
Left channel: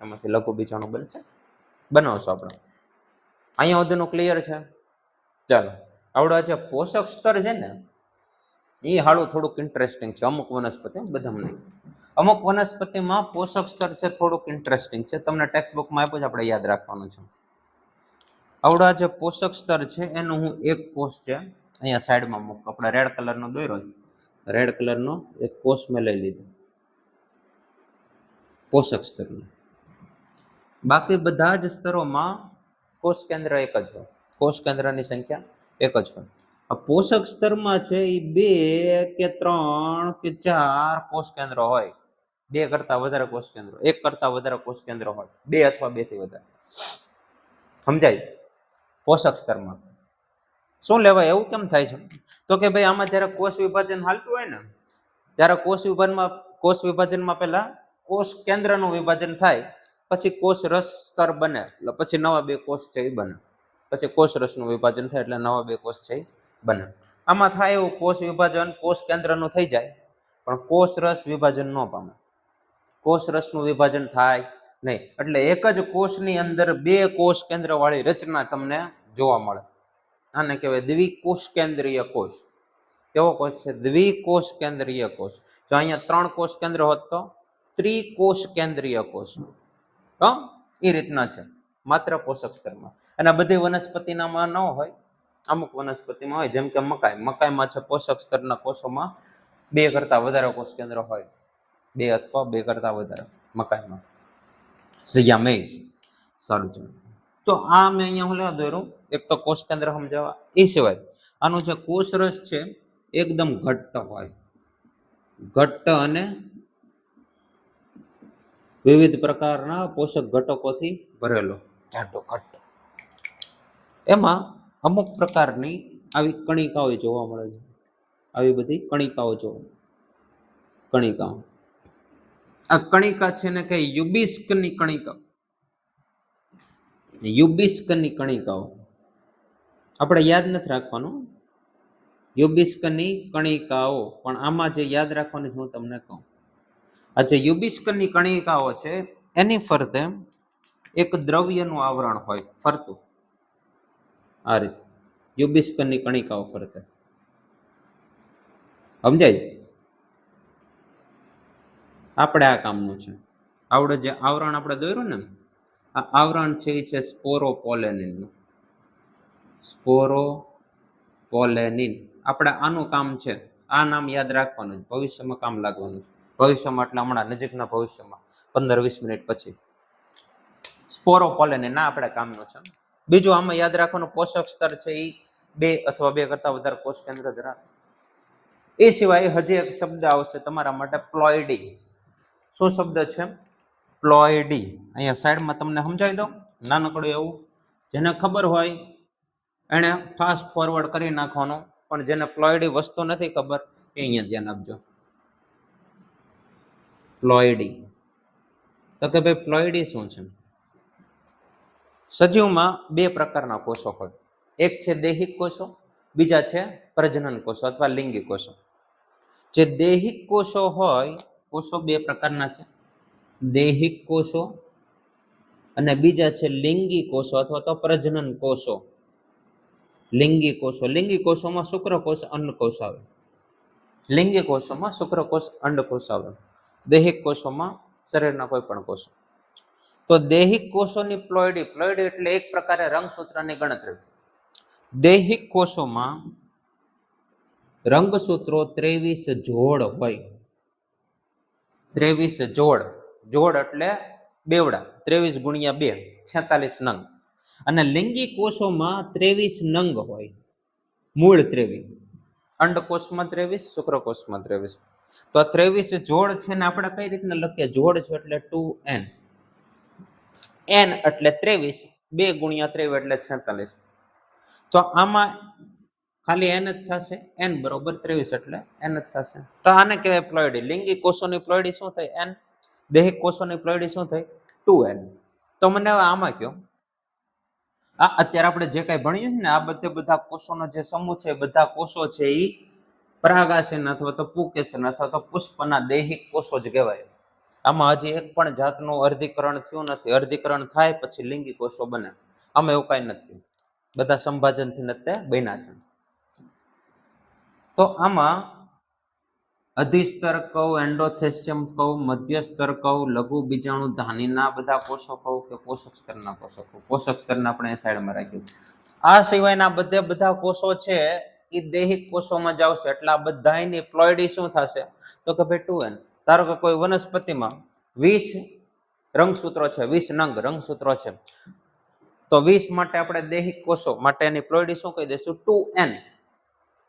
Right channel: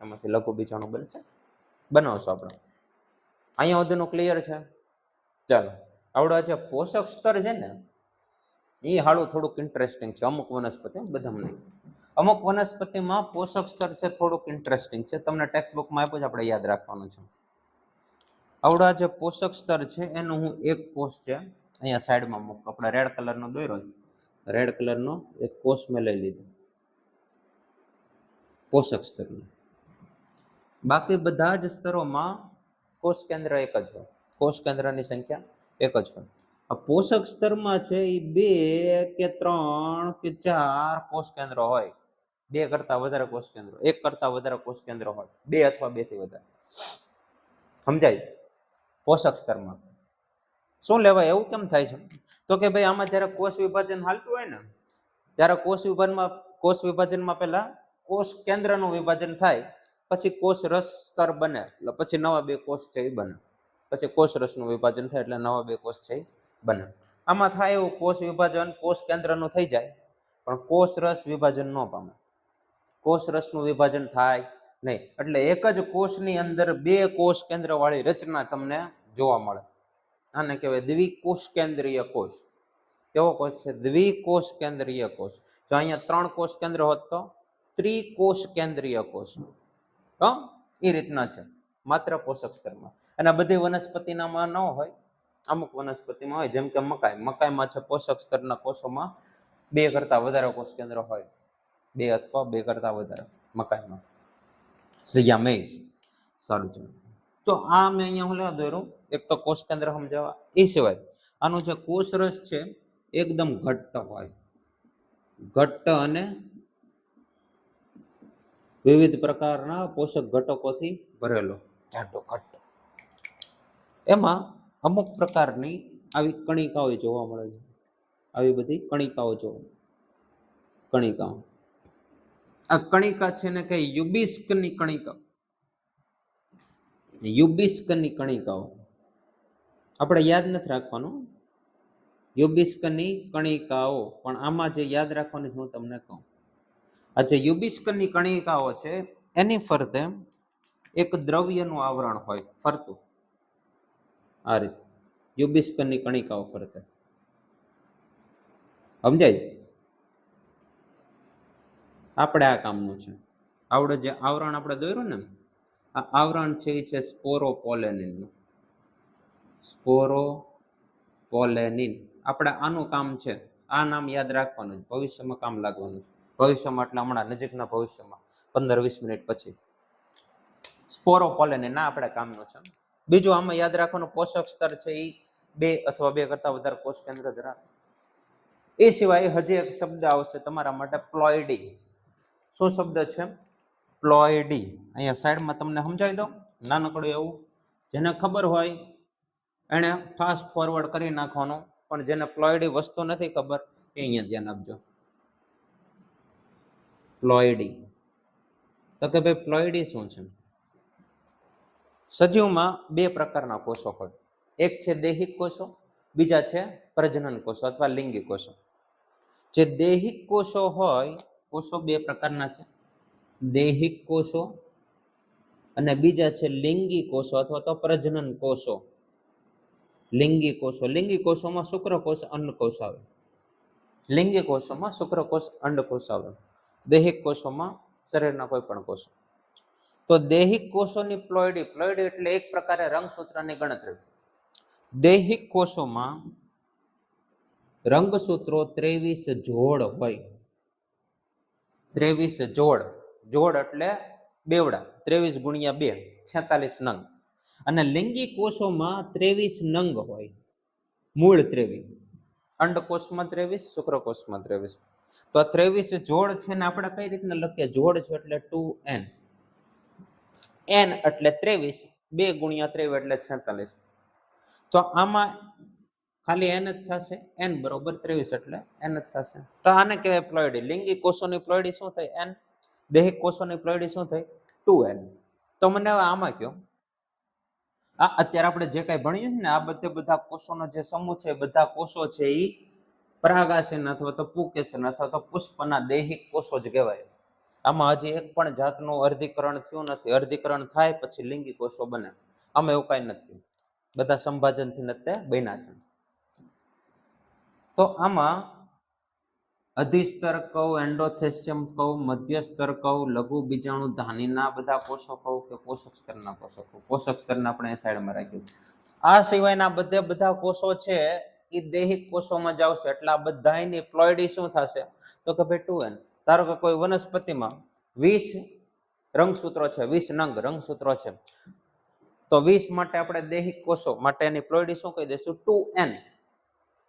એમાંથી લઘુ બીજાણુ બનશે, બનાવશું આપણે. અહીંયા સુધીનું ક્લિયર છે? ચાલો, આવડા જે પોષક સ્તર છે ને એ હાળું થોડુંક ઇન્ટરેસ્ટિંગ છે. અમુક વનસ્પતિ, બધામાં નહીં. અમુક વનસ્પતિમાં પોષક સ્તર છે થોડુંક ઇન્ટરેસ્ટિંગ છે. તમને ટેક્સ્ટ બુકમાં આપ્યું છે, આપણે યાદ રાખવાનું છે. આવડા જે પોષક સ્તર છે એનું હું એક કોષ છે અહીંયા સાઈડમાં મૂક. આપણે રેડ કલરનો દોર્યો છે, રેડ કલરનો એક કોષ મેં લઈ લીધો પોષક સ્તરનો. બાકી બધા જ સ્તરોમાં કોષ કેન્દ્ર એક જ હોય. કોષ કેન્દ્રની સંખ્યા એક જ હોય. આ પોષક સ્તરમાં છે એ 2 કે 3 કે 4 કોષ કેન્દ્રો હોય. 2 કરતા વધારે કોષ કેન્દ્રો, 1 કરતા વધારે કોષ કેન્દ્રો હોય, 2 અથવા 2 થી વધારે. સમજાય? પોષક સ્તરમાં શું લેવાય? એવું કેમ થાય છે? તો કે ભાઈ આમાં જ્યારે કોષ વિભાજન હાલતું હોય ને ત્યારે કોષ વિભાજનમાં પહેલા કોષ કેન્દ્રનું વિભાજન થાય, પછી કોષ રસ સ્તર બને, એટલે પછી નવા 2 કોષ છે એ બને. પછી કોષ રસનું વિભાજન થાય એટલે નવા 2 કોષ છે એ બને. આમાં થાય એવું કોષ વિભાજન કોષ કેન્દ્રનું થઈ જાય, પણ કોષ રસ વિભાજન ન પામે. કોષ રસનું વિભાજન થાય નહીં. એટલે એક જ કોષની અંદર 2 કોષ કેન્દ્ર વાળી રચના તમને જોવા મળે. આને કહેવાય દ્વિકોષ કેન્દ્રીય કોષ. કેવો કોષ છે? દ્વિકોષ કેન્દ્રીય કોષ. જો અહીંયા 3 કોષ કેન્દ્ર હોત તો ત્રિકોષ કેન્દ્રીય કોષ. એ રીતના છે માત્ર પોષક સ્તરમાં. અને બધી વનસ્પતિનામાં ન હોય, અમુક વનસ્પતિમાં હોય. જેમ કે મકાઈમાં છે પોષક સ્તરના કોષોમાં 2 કરતા વધારે કોષ કેન્દ્ર હોય, 2 અથવા 2 કરતા વધારે મકાઈમાં. સિયામેઇઝ. સારું છે. તો આ મેં અહીંયા હું લેવા દોર્યું એક તો કોષ કેન્દ્ર સમજાવવા. એ સિવાય આનો જે કોષ રસ છે એકદમ ઘટ્ટ હોય, ઘટ્ટ અને વિવિધ પ્રકારના પોષક ઘટકોથી ભરેલો જાડો ઘટ્ટ. એમાં અમુક પ્રકારની આવી કણિકાઓ જોવા મળે છે. આવી બધી કણિકાઓ કણિકાઓ આ કણિકા છે ને કે યુબિસ્કની કણિકા, યુબિસ્કની કણિકાઓ આપણે યાદ નથી રાખવાનું, યુબિસ્કની કણિકાઓ. પણ આમાં જે યાદ રાખવાની હું તમને કહું, આ જે યુબિસ્કની કણિકાઓ છે એની ફરતે એક દ્રવ્યનું આવરણ હોય ફરતું, આ રીતે યુબિસ્કની કણિકાઓ ફરતે. સમજાય? આપણે આ કામનું છે. આવડે જે આવરણ આપણે દોર્યું ને, આ આવરણ છે એ છે સ્પોરોપોલેનિનનું. સ્પોરોપોલેનિન. આપણે આનું કામ છે, આ નામ યાદ રાખવાનું, ભવિષ્યમાં કામ લાગવાનું છે. ભવિષ્યમાં એટલે હમણાં નજીકના ભવિષ્યમાં 15-20 મિનિટ પછી. સ્પોરોપોલેનિન ના આપણે કામનું છે. બીજું આમાં યાદ રાખવાનું, પોષક સ્તર છે એ 2 અથવા 2 કરતા વધારે કોષ કેન્દ્ર ધરાવે. એ સિવાય હજી એક શબ્દ આવશે તમારા માટે, પ્લોઇડી. શું શબ્દ છે? પ્લોઇડી. અહીંયા સાઈડમાં તમને સમજાવી દઉં, નાનકડું એવું. જેને ખબર હોય એને ફાસ્ટ ફોરવર્ડ કરી નાખવાનું, પણ જેને પ્લોઇડી વસ્તુ નથી ખબર એ અહીંયા ધ્યાન આપજો. પ્લોઇડી તો કે ભાઈ પ્લોઇડી શું છે? સજીવમાં 2 પ્રકારના કોષો હોય. એક છે દૈહિક કોષો, બીજા છે પ્રજનન કોષો અથવા લિંગી કોષો. જે દૈહિક કોષો હોય, કોષો 2 પ્રકારના છે, દૈહિક કોષો અને બીજા છે લિંગી કોષો અથવા તો પ્રજનન કોષો. લિંગી કોષો, લિંગી કોષોમાં શુક્રકોષ અંડકોષ આવે. લિંગી કોષોમાં શુક્રકોષ અંડકોષ આવે. દૈહિક કોષોમાં શરીરના કોઈ પણ કોષો. તો દૈહિક કોષોની પ્લોઇડી, પ્લોઇડી એટલે એક પ્રકારે રંગસૂત્રની ગણતરી. દૈહિક કોષોમાં રંગસૂત્રો 23 જોડ હોય. 23 જોડ. જોડ એટલે બેવડા, 23 ગુણ્યા 2, 46 નંગ. અને લિંગી કોષોમાં 23 નંગ હોય, મૂળ 23. અંડકોષમાં 23, શુક્રકોષમાં 23. તો 23 જોડ છે ને આપણે કઈ રીતના લખીએ? જોડ છે એટલે 2n. n એટલે 23, 2 ગુણ્યા 23 એટલે 46. તો આમાં ખાલી n જ થશે, n બરોબર 23 એટલે n જ થશે. તો આને કહેવાય પ્લોઇડી. લિંગી કોષોની પ્લોઇડી શું થઈ? n. દૈહિક કોષોની પ્લોઇડી શું થઈ? 2n. તો મને હવે આમાં કહો, આ અત્યારે આપણે જે કઈ ભણીએ છીએ ને, આ બધા કોષોનો જે સમૂહ છે, બધા કોષો છે એ પરાગાશયન અથવા તો પુકેશન અથવા તો પુષ્પના દૈહિક કોષો જ કહેવાય. આમાં હજી એક પણ જાતનું અર્ધીકરણ થયું નથી. અર્ધીકરણ થાય પછી લિંગી કોષો બને. આમાં એવું કઈ નથી, બધા સંભાજનથી નથી બન્યા છે. તો આમાં અધિસ્તર કહું, એન્ડોથેસિયમ કહું, મધ્યસ્તર કહું, લઘુ બીજાણુ ધાનીના બધા કોષો કહું કે પોષક સ્તરના કોષો કહું. પોષક સ્તરના આપણે સાઈડમાં રાખ્યું. આ સિવાયના બધા કોષો છે એ દૈહિક કોષોમાં જ આવશે. એટલે આ બધાની પ્લોઇડી શું થશે? તો કે ભાઈ 2n. ધારો કે કોઈ વનસ્પતિમાં 20 રંગસૂત્રો છે, 20 નંગ રંગસૂત્રો છે, તો 20 માટે આપણે દૈહિક કોષો માટે એની પ્લોઇડી શું કહી દઈશું? 2n.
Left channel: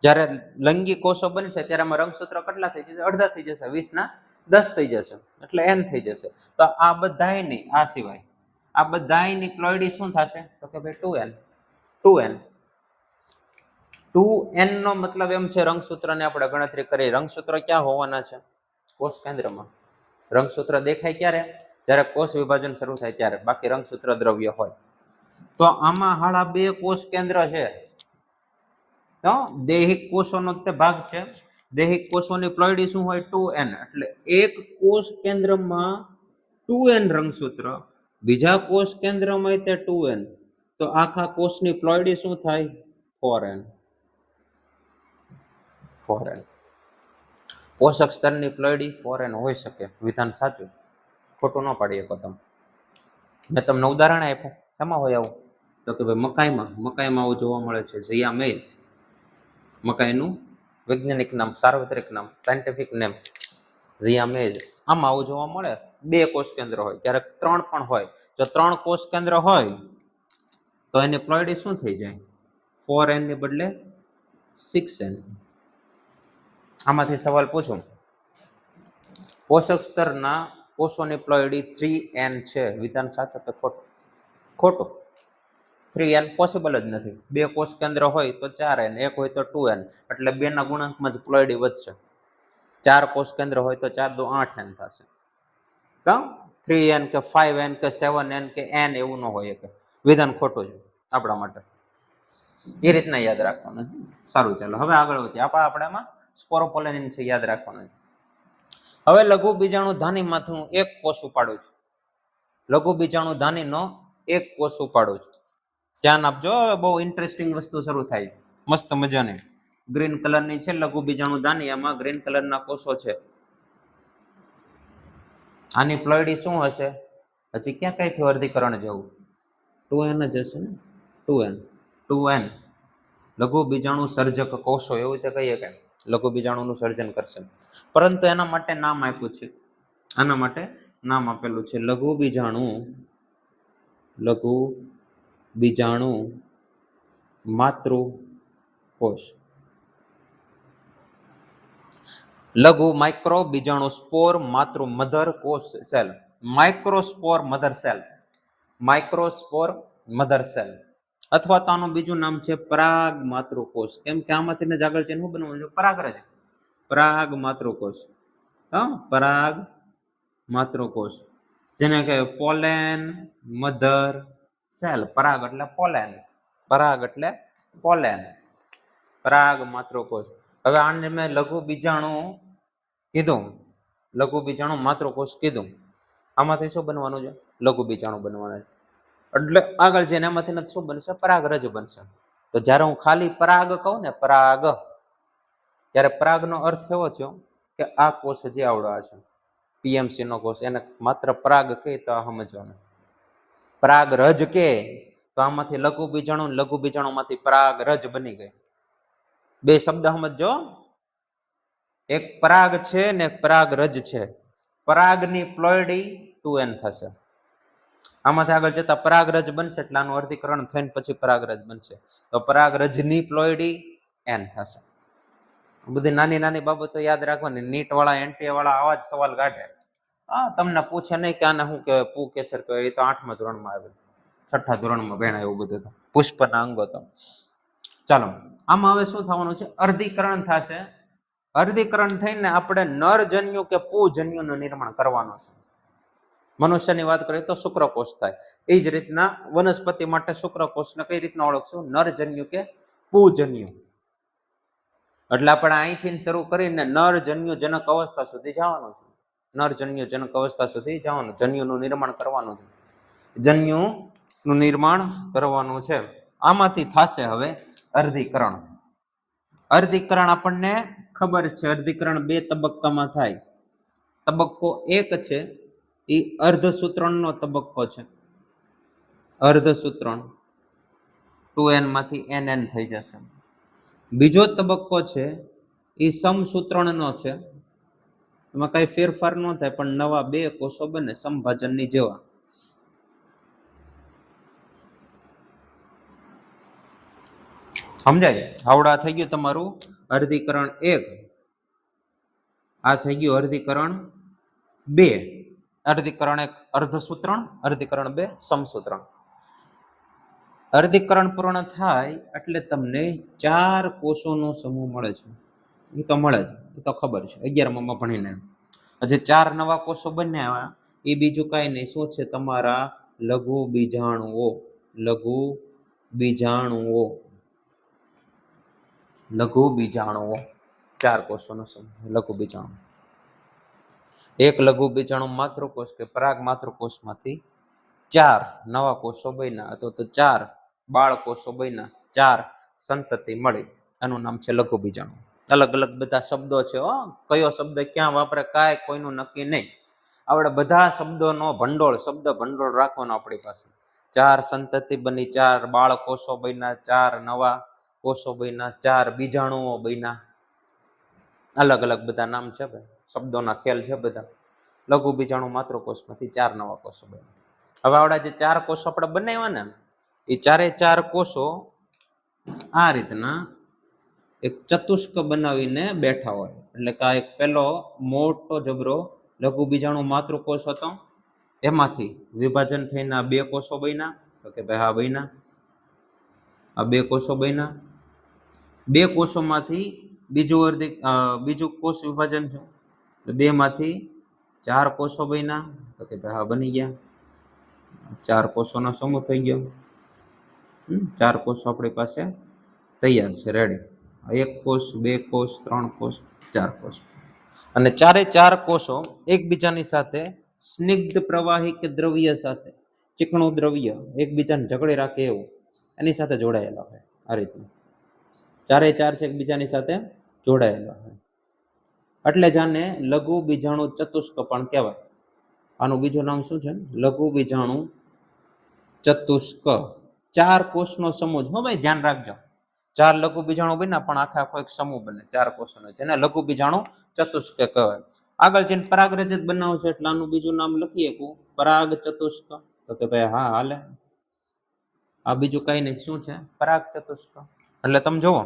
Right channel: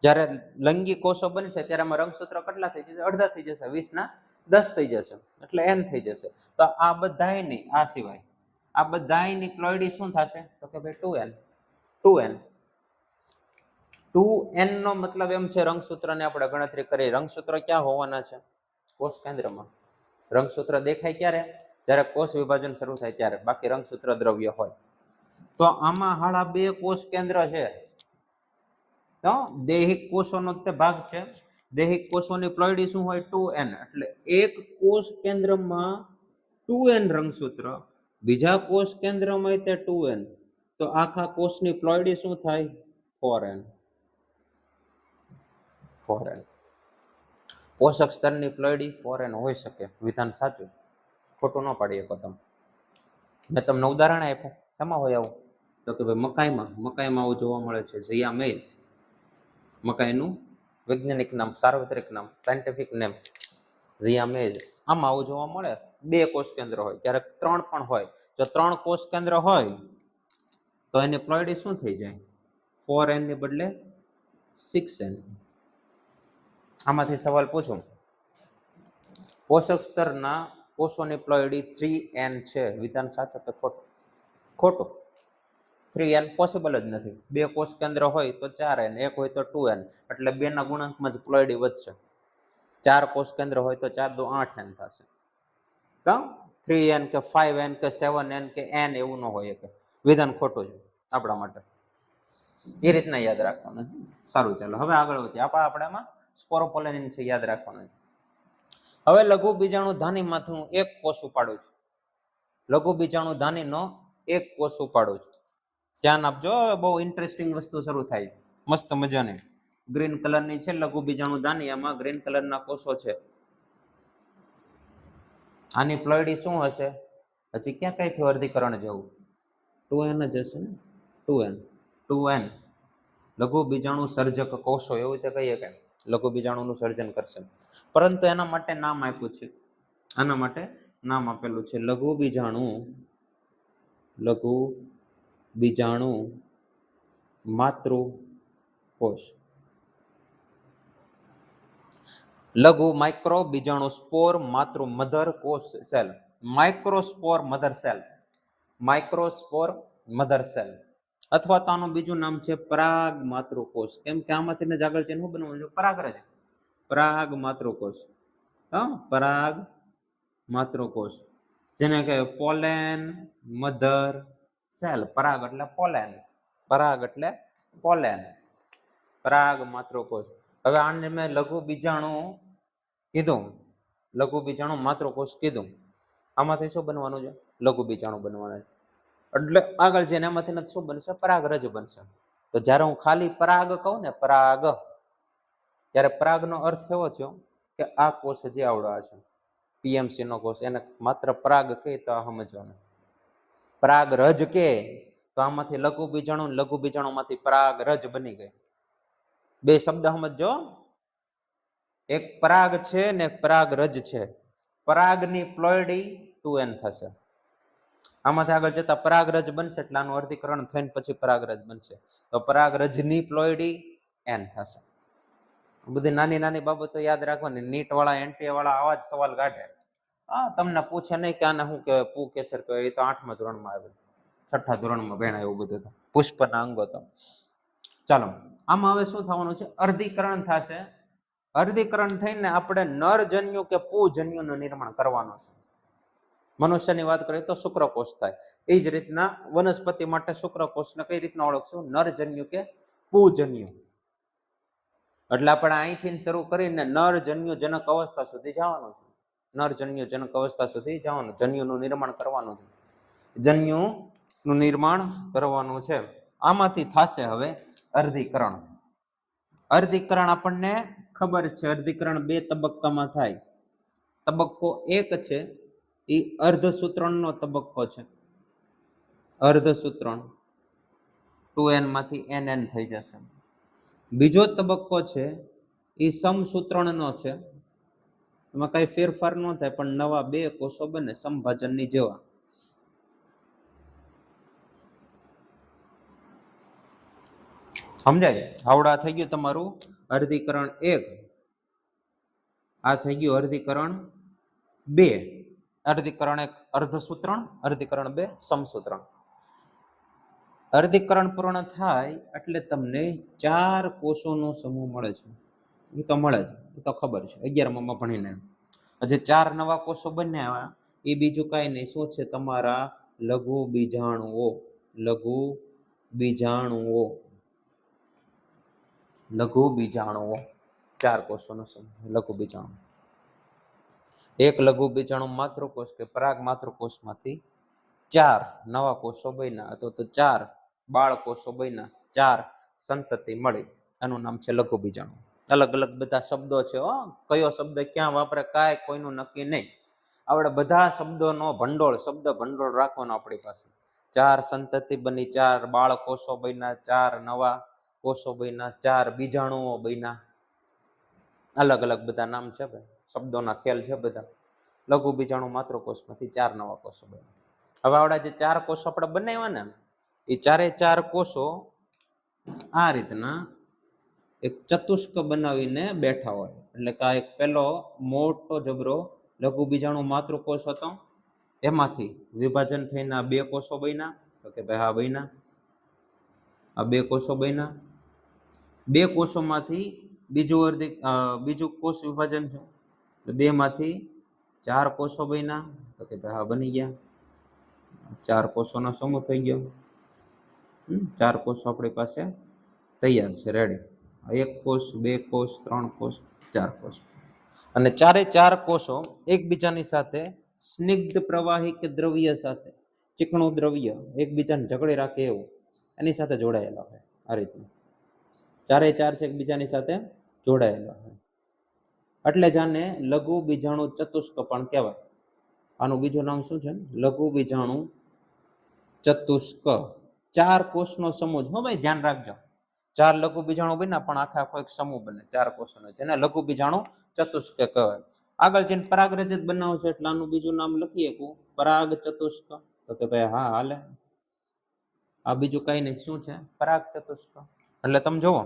જ્યારે લિંગી કોષો બનશે ત્યારે આમાં રંગસૂત્ર કેટલા થઈ જશે? અડધા થઈ જશે, 20 ના 10 થઈ જશે, એટલે n થઈ જશે. તો આ બધાની, આ સિવાય આ બધાની પ્લોઇડી શું થશે? તો કે ભાઈ 2n. 2n 2n નો મતલબ એમ છે, રંગસૂત્રની આપણે ગણતરી કરી. રંગસૂત્ર ક્યાં હોવાના છે? કોષ કેન્દ્રમાં. રંગસૂત્ર દેખાય ક્યારે? જ્યારે કોષ વિભાજન શરૂ થાય ત્યારે. બાકી રંગસૂત્ર દ્રવ્ય હોય. તો આમાં હાળા 2 કોષ કેન્દ્ર છે. તો દૈહિક કોષોનો તે ભાગ છે. દૈહિક કોષોની પ્લોઇડી શું હોય? 2n. એટલે એક કોષ કેન્દ્રમાં 2n રંગસૂત્ર, બીજા કોષ કેન્દ્રમાં તે 2n. તો આખા કોષની પ્લોઇડી શું થાય? 4n. 4n. પોષક સ્તરની પ્લોઇડી 4n હોઈ શકે. વિધાન સાચું, ખોટું ન પાડી શકો તમે. મેં તમને ઉદાહરણ આપ્યું, એમાં હોય આવું. તો કે ભાઈ મકાઈમાં આવું જોવા મળે છે, ઝિયા મેઝ. મકાઈનું વૈજ્ઞાનિક નામ, સાર્વત્રિક નામ, સાયન્ટિફિક નેમ ઝિયા મેઝ. આમાં આવું જોવા મળે. 2 કોષ કેન્દ્ર હોય, ક્યારેક 3 પણ હોય. જો 3 કોષ કેન્દ્ર હોય તો એની પ્લોઇડી શું થઈ જાય? 4n ની બદલે 6n. આમાંથી સવાલ પૂછું, પોષક સ્તરના કોષોની પ્લોયડી 3n છે. વિધાન સાચું કે ખોટું? ખોટું. 3n પોસિબલ જ નથી. 2 કોષ કેન્દ્ર હોય તો 4n, 1 હોય તો 2n, એટલે 2 ના ગુણાંકમાં જ પ્લોયડી વધશે. 4 કોષ કેન્દ્ર હોય તો 4 દુ 8n થશે. તો 3n કે 5n કે 7n કે n એવું ન હોય કે વિધાન ખોટું છે આપણા માટે. એ રીતના યાદ રાખવાનું. સારું, ચાલો હવે આગળ વધીએ. આપણામાં સ્પોરોપોલેનિન છે, યાદ રાખવાનું. હવે લઘુ બીજાણુ ધાનીમાંથી હું એક કોષ ઉપાડું છું. લઘુ બીજાણુ ધાનીનો એક કોષ ઉપાડું છું. ધ્યાન આપજો, બહુ ઇન્ટરેસ્ટિંગ વસ્તુ શરૂ થાય, મસ્ત મજાની. ગ્રીન કલરની છે લઘુ બીજાણુ ધાની, એમાં ગ્રીન કલરના કોષો છે. આની પ્લોયડી શું હશે? હજી ક્યાં કઈથી વર્ગીકરણ જવું? 2n જ હશે ને? 2n લઘુ બીજાણુ સર્જક કોષો એવું રીતે કહીએ કે લઘુ બીજાણુનું સર્જન કરશે. પરંતુ એના માટે નામ આપ્યું છે, આના માટે નામ આપેલું છે લઘુ બીજાણુ માતૃકોષ. લઘુ માઇક્રો બીજાણુ સ્પોર માતૃ મધર કોષ cell. Microspore mother cell. Microspore mother cell, અથવા તો આનું બીજું નામ છે પરાગ માતૃકોષ. કેમ કે આમાંથી જ આગળ શું બનવાનું છે? પરાગરજ. પરાગ માતૃકોષ. પરાગ માતૃકોષ, જેને કહેવાય પોલેન મધર સેલ. પરાગ એટલે પોલેન, પરાગ એટલે પોલેન, પરાગ માતૃકોષ. હવે આને મેં લઘુ બીજાણુ કીધું, લઘુ બીજાણુ માતૃકોષ કીધું. આમાંથી શું બનવાનું છે? લઘુ બીજાણુ બનવાના છે. એટલે આગળ જઈને એમાંથી નથી શું બનશે? પરાગરજ બનશે. તો જ્યારે હું ખાલી પરાગ કહું ને, પરાગ, ત્યારે પરાગનો અર્થ એવો થયો કે આ કોષ જે આવડા છે પીએમસી નો કોષ, એને માત્ર પરાગ કહે તો સમજવાનું. પરાગરજ કે તો આમાંથી લઘુ બીજાણુમાંથી પરાગરજ બની ગઈ. બે શબ્દ સમજો, એક પરાગ છે ને એક પરાગરજ છે. પરાગની પ્લોયડી 2n થશે. આમાંથી આગળ જતા પરાગરજ બનશે એટલે આનું અર્ધીકરણ થઈને પછી પરાગરજ બનશે. તો પરાગરજની પ્લોયડી n થશે. બધી નાની નાની બાબતો યાદ રાખવાની. નીટ વાળા એનટીએ વાળા આવા જ સવાલ કાઢે. તમને પૂછે નહીં કે આને શું કહેવાય, પુ કેસર કહેવાય, એ તો 8મા ધોરણમાં આવે, 6ઠા ધોરણમાં ભણ્યા એવું બધું તો. પુષ્પના અંગો તો. ચાલો, આમાં હવે શું થવાનું છે? અર્ધીકરણ થશે. અર્ધીકરણ થઈને આપણે નરજન્યુ કે પુજન્યુનું નિર્માણ કરવાનું છે. મનુષ્યની વાત કરીએ તો શુક્રકોષ થાય. એ જ રીતના વનસ્પતિ માટે શુક્રકોષને કઈ રીતના ઓળખશું? નરજન્યુ કે પુજન્યુ. એટલે આપણે અહીંથી શરૂ કરીને નરજન્યુ જનક અવસ્થા સુધી જવાનું છે. નરજન્યુ જનક અવસ્થા સુધી જવાનું, જન્યુનું નિર્માણ કરવાનું છે. જન્યુનું નિર્માણ કરવાનું છે. આમાંથી થશે હવે અર્ધીકરણ. અર્ધીકરણ આપણને ખબર છે, અર્ધીકરણ 2 તબક્કામાં થાય. તબક્કો 1 છે એ અર્ધસૂત્રણનો તબક્કો છે. અર્ધસૂત્રણ 2n માંથી nn થઈ જશે. બીજો તબક્કો છે એ સમસૂત્રણનો છે. એમાં કઈ ફેરફાર ન થાય, પણ નવા 2 કોષો બને સમભાજનની જેવા. સમજાય? આવડા થઈ ગયું તમારું અર્ધીકરણ 1. આ થઈ ગયું અર્ધીકરણ 2. અર્ધીકરણ 1 અર્ધસૂત્રણ, અર્ધીકરણ 2 સમસૂત્રણ. અર્ધીકરણ પૂર્ણ થાય એટલે તમને 4 કોષોનો સમૂહ મળે છે. એ તો મળે જ, એ તો ખબર છે, 11માં ભણીને. જે 4 નવા કોષો બન્યા એ બીજું કાંઈ નહીં, શું છે? તમારા લઘુ બીજાણુઓ. લઘુ બીજાણુઓ. લઘુ બીજાણુઓ. 4 કોષોનો સમૂહ લઘુ બીજાણુ. એક લઘુ બીજાણુ માતૃકોષ કે પરાગ માતૃકોષમાંથી 4 નવા કોષો બન્યા, અથવા તો 4 બાળ કોષો બન્યા, 4 સંતતિ મળી. આનું નામ છે લઘુ બીજાણુ. અલગ અલગ બધા શબ્દો છે. કયો શબ્દ ક્યાં વાપરે કાંઈ કોઈનું નક્કી નહીં. આપણે બધા શબ્દોનો ભંડોળ, શબ્દ ભંડોળ રાખવાનો આપણી પાસે. 4 સંતતિ બની, 4 બાળ કોષો બન્યા, 4 નવા કોષો બન્યા, 4 બીજાણુઓ બન્યા. અલગ અલગ બધા નામ છે ભાઈ, શબ્દોના ખેલ છે બધા. લઘુ બીજાણુ માતૃકોષમાંથી 4 નવા કોષો બન્યા. હવે આવડા જે 4 કોષો આપણે બનાવ્યા ને, એ 4 કોષો આ રીતના એક ચતુષ્ક બનાવીને બેઠા હોય. એટલે કે એક પેલો મોટો જબરો લઘુ બીજાણુ માતૃકોષ હતો, એમાંથી વિભાજન થઈને આ 2 કોષો બન્યા, તો કે ભાઈ હા બન્યા, આ 2 કોષો બન્યા, 2 કોષોમાંથી બીજું કોષ વિભાજન છે, 2 માંથી 4 કોષો બન્યા, તો કે ભાઈ હા બની ગયા, 4 કોષોનો સમૂહ થઈ ગયો, 4 કોષો આપણી પાસે તૈયાર છે, રેડી. 1 કોષ, 2 કોષ, 3 કોષ, 4 કોષ, અને ચારે 4 કોષો એકબીજાની સાથે સ્નિગ્ધ પ્રવાહી કે દ્રવ્ય સાથે, ચીકણું દ્રવ્ય એકબીજાને જકડી રાખે એવું એની સાથે જોડાયેલા હોય. આ રીતનું ચારે 4 છે એકબીજાની સાથે જોડાયેલા હોય, એટલે જ આને લઘુ બીજાણુ ચતુષ્ક પણ કહેવાય. આનું બીજું નામ શું છે? લઘુ બીજાણુ ચતુષ્ક. 4 કોષનો સમૂહ. હો ભાઈ ધ્યાન રાખજો, 4 લઘુ બીજાણુ બન્યા પણ આખો એક સમૂહ બને 4 કોષોનો, જેને લઘુ બીજાણુ ચતુષ્ક કહેવાય. આગળ જઈને પરાગરજત બનાવશે એટલે આનું બીજું નામ લખીએ પરાગ ચતુષ્ક, તો કે ભાઈ હા હાલે. આ બીજું કઈ નહીં, શું છે? પરાગ ચતુષ્ક. એટલે તમે જુઓ,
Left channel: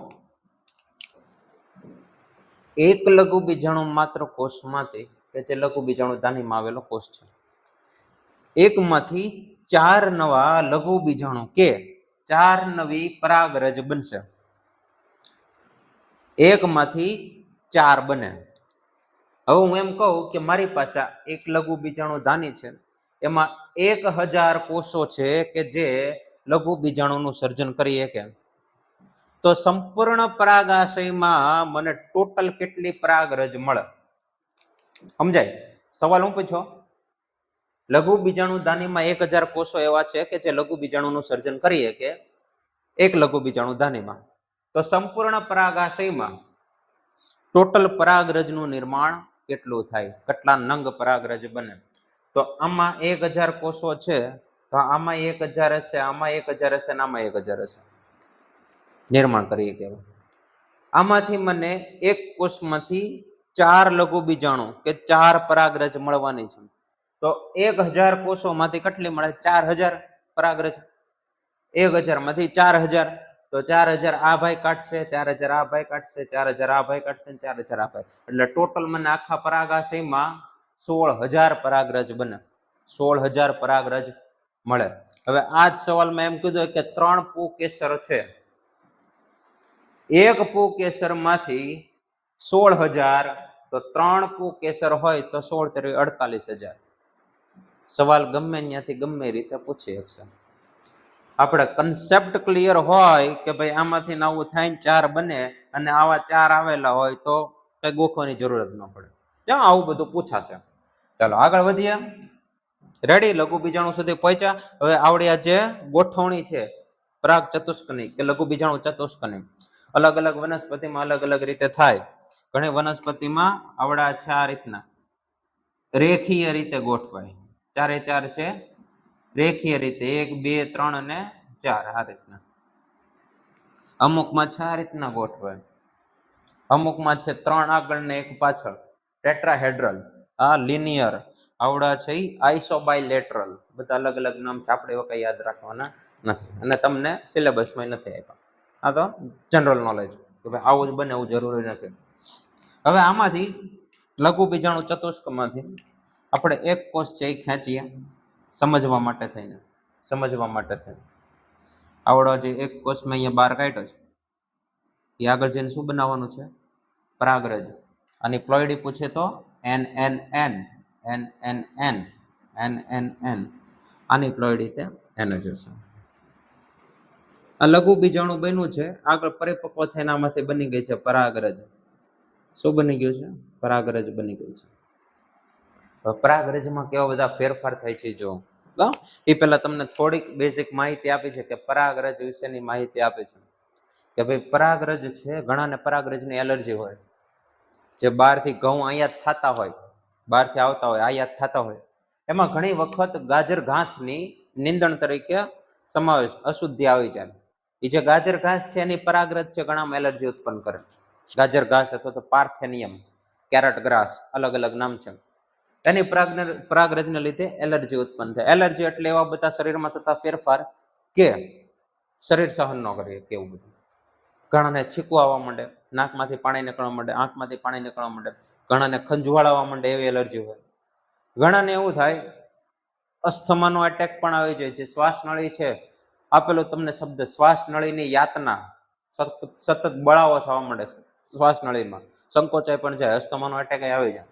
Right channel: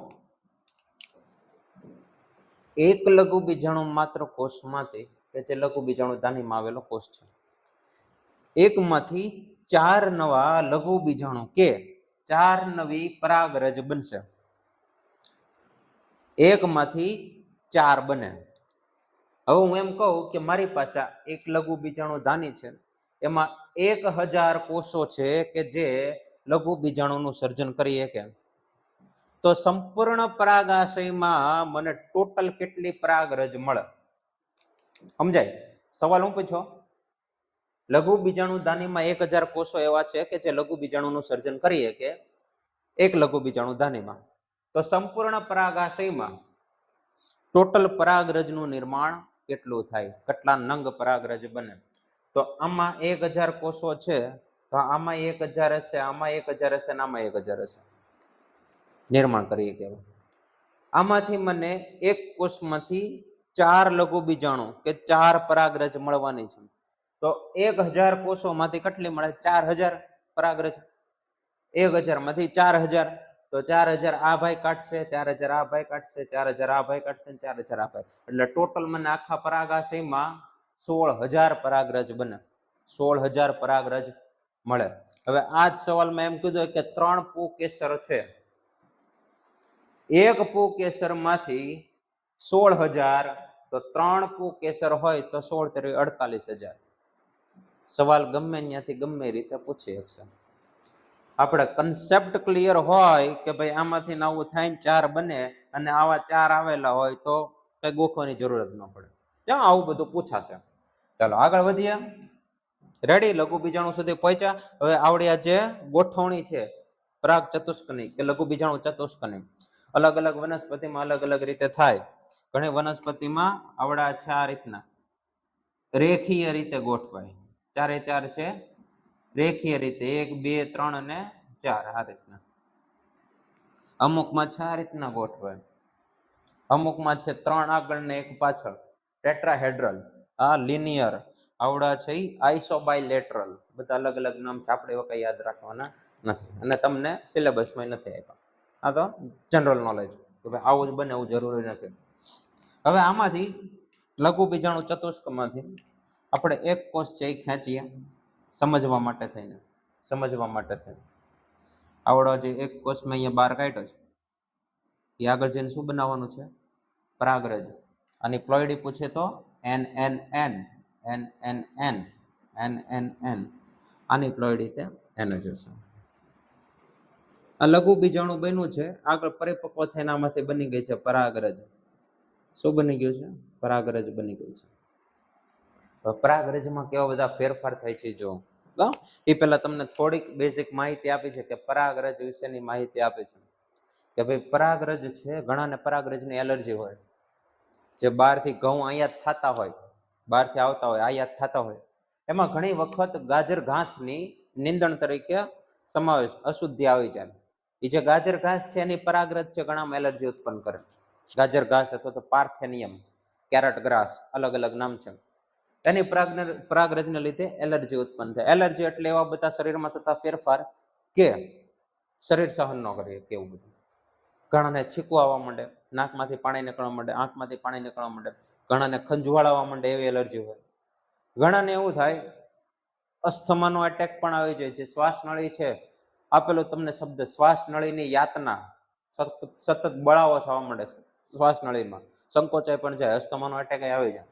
એક લઘુ બીજાણુ માત્ર કોષમાંથી, કે જે લઘુ બીજાણુ ધાનીમાં આવેલો કોષ છે, એકમાંથી 4 નવા લઘુ બીજાણુ કે 4 નવી પરાગરજ બનશે. એકમાંથી 4 બને. હવે હું એમ કહું કે મારી પાસે એક લઘુ બીજાણુ ધાની છે, એમાં 1000 કોષો છે કે જે લઘુ બીજાણુનું સર્જન કરી શકે, તો સંપૂર્ણ પરાગાશયમાં મને ટોટલ કેટલી પરાગરજ મળે? સમજાય? સવાલ હું પૂછો, લઘુ બીજાણુ ધાનીમાં 1000 કોષો એવા છે કે જે લઘુ બીજાણુનું સર્જન કરી શકે એક લઘુ બીજાણુ ધાનીમાં, તો સંપૂર્ણ પરાગાશયમાં ટોટલ પરાગરજનું નિર્માણ કેટલું થાય? કેટલા નંગ પરાગરજ બને? તો આમાં 1000 કોષો છે, તો આમાં 1000 હશે, આમાં 1000 હશે, આમાં 1000 હશે, નિર્માણ કરી શકે. આમાંથી મને એક કોષમાંથી 4 લઘુ બીજાણુ કે 4 પરાગરજ મળવાની છે, તો 1000 કોષોમાંથી કેટલી મળે? 4000 પરાગરજ. 1000 માંથી 4000, તો 4000 આ ભાઈ કાઢશે, 4000 આ ભાઈ કાઢશે, 4000 આ ભાઈ કાઢશે, 4000 આ ભાઈ, એટલે ટોટલ મને આખા પરાગાશયમાં 16000 પરાગરજ બને, 16000 પરાગરજ મળે. હવે આ જ સવાલમાં એમ કીધું કે 3 પુકેસર છે, એક પુકેસરમાંથી 16000, તો 3 પુકેસર હોય તો 16 × 48000. સવાલ ગમે ત્યાંથી ગમે રીતે પૂછી શકશે. આપણે કન્સેપ્ટ ક્લિયર હોય કે ભાઈ આમાંથી નવું થાય 4 બને અને આવા 4 આવેલા હોય તો કઈ ગોખવાની જરૂરત ન પડે. ક્યાં આવું બધું પૂછાશે. ચાલો આગળ વધીએ. રેડી? લઘુ બીજાણુ સુધી પહોંચ્યા. હવે આવડ્યા જે ગોઠવણી છે પરાગ ચતુષ્કની કે લઘુ બીજાણુ ચતુષ્કની, અલગ અલગ વનસ્પતિમાં અલગ અલગ રીતે થાય. ઘણી વનસ્પતિમાં આવડા છે આ રીતના રેખીય રીતે ગોઠવાય, 4 એ 4 છે રેખીય રીતે, 1 2 3 અને 4 આ રીતના. અમુકમાં છે આ રીતના ગોઠવાય, અમુકમાં છે 3 આગળ ને 1 પાછળ, ટેટ્રાહેડ્રલ, આ લિનિયર, આવડા છે આઇસોબાયલેટરલ. બધા અલગ અલગ નામ છે, આપણે એવા કઈ યાદ રાખવાના નથી અને તમને સિલેબસમાં નથી આપ્યા. આ તો જનરલ નોલેજ કે ભાઈ આવું જ બને એવું જરૂરી નથી. હવે આમાંથી લઘુ બીજાણુ ચતુષ્કમાંથી આપણે એક કોષ છે એ ખેંચીએ સમજવા માટે થઈને, આવડો જે એક કોષ મેં અહીંયા બહાર કાઢ્યો છે, એ આગળ જઈને શું બનાવવાનું છે? પરાગરજ. અને પ્લોઇડી પૂછે તો NNN, NNN, NNN, આની પ્લોઇડી તે N જ હશે. આ લઘુ બીજાણુ બન્યું છે, આગળ પરિપક્વ થઈને આમાંથી બની ગઈ છે પરાગરજ. શું બની ગયું છે? પરાગરજ બની ગઈ છે. પરાગરજમાં કેવા બધા ફેરફાર થાય છે જો એ પહેલા તમને થોડીક બેઝિક માહિતી આપી છે કે પરાગરજ વિશેની માહિતી આપી છે કે ભાઈ પરાગરજ છે, ઘણાને પરાગરજની એલર્જી હોય, જે બહારથી ઘઉં આયાત થતા હોય, બહારથી આવતા હોય, આયાત થતા હોય, એમાં ઘણી વખત ગાજર ઘાસની નિંદણ તરીકે સમાવેશ અશુદ્ધિ આવી જાય. એ જે ગાજર ઘાસ છે એની પરાગરજ છે ઘણામાં એલર્જી ઉત્પન્ન કરે. ગાજર ઘાસ અથવા તો પાર્થેનિયમ, કેરેટ ગ્રાસ, અલગ અલગ નામ છે. એની પરાગરજને લીધે એલર્જી ઉત્પન્ન થાય. એલર્જી એટલે એવા બધા શરીરમાં થતા ફેરફાર કે શરીર સહન ન કરી શકે એવું બધું. ઘણાને છીકું આવવા માંડે, નાકમાંથી પાણી નીકળવા માંડે, આંખમાંથી પાણી નીકળવા માંડે, ઘણાને ખંજવાળ આવવા માંડે, એવી એલર્જી હોય. ઘણાને એવું થાય અસ્થમાનો એટેક પણ આવી જાય છે. શ્વાસ નળી છે આપેલો તમને શબ્દ શ્વાસ નળીની યાતના, સતત બળાવો થવા માંડે છે શ્વાસ નળીમાં, સંકોચાઈ પણ જાય, અસ્થમાનો એટેક આવી જાય.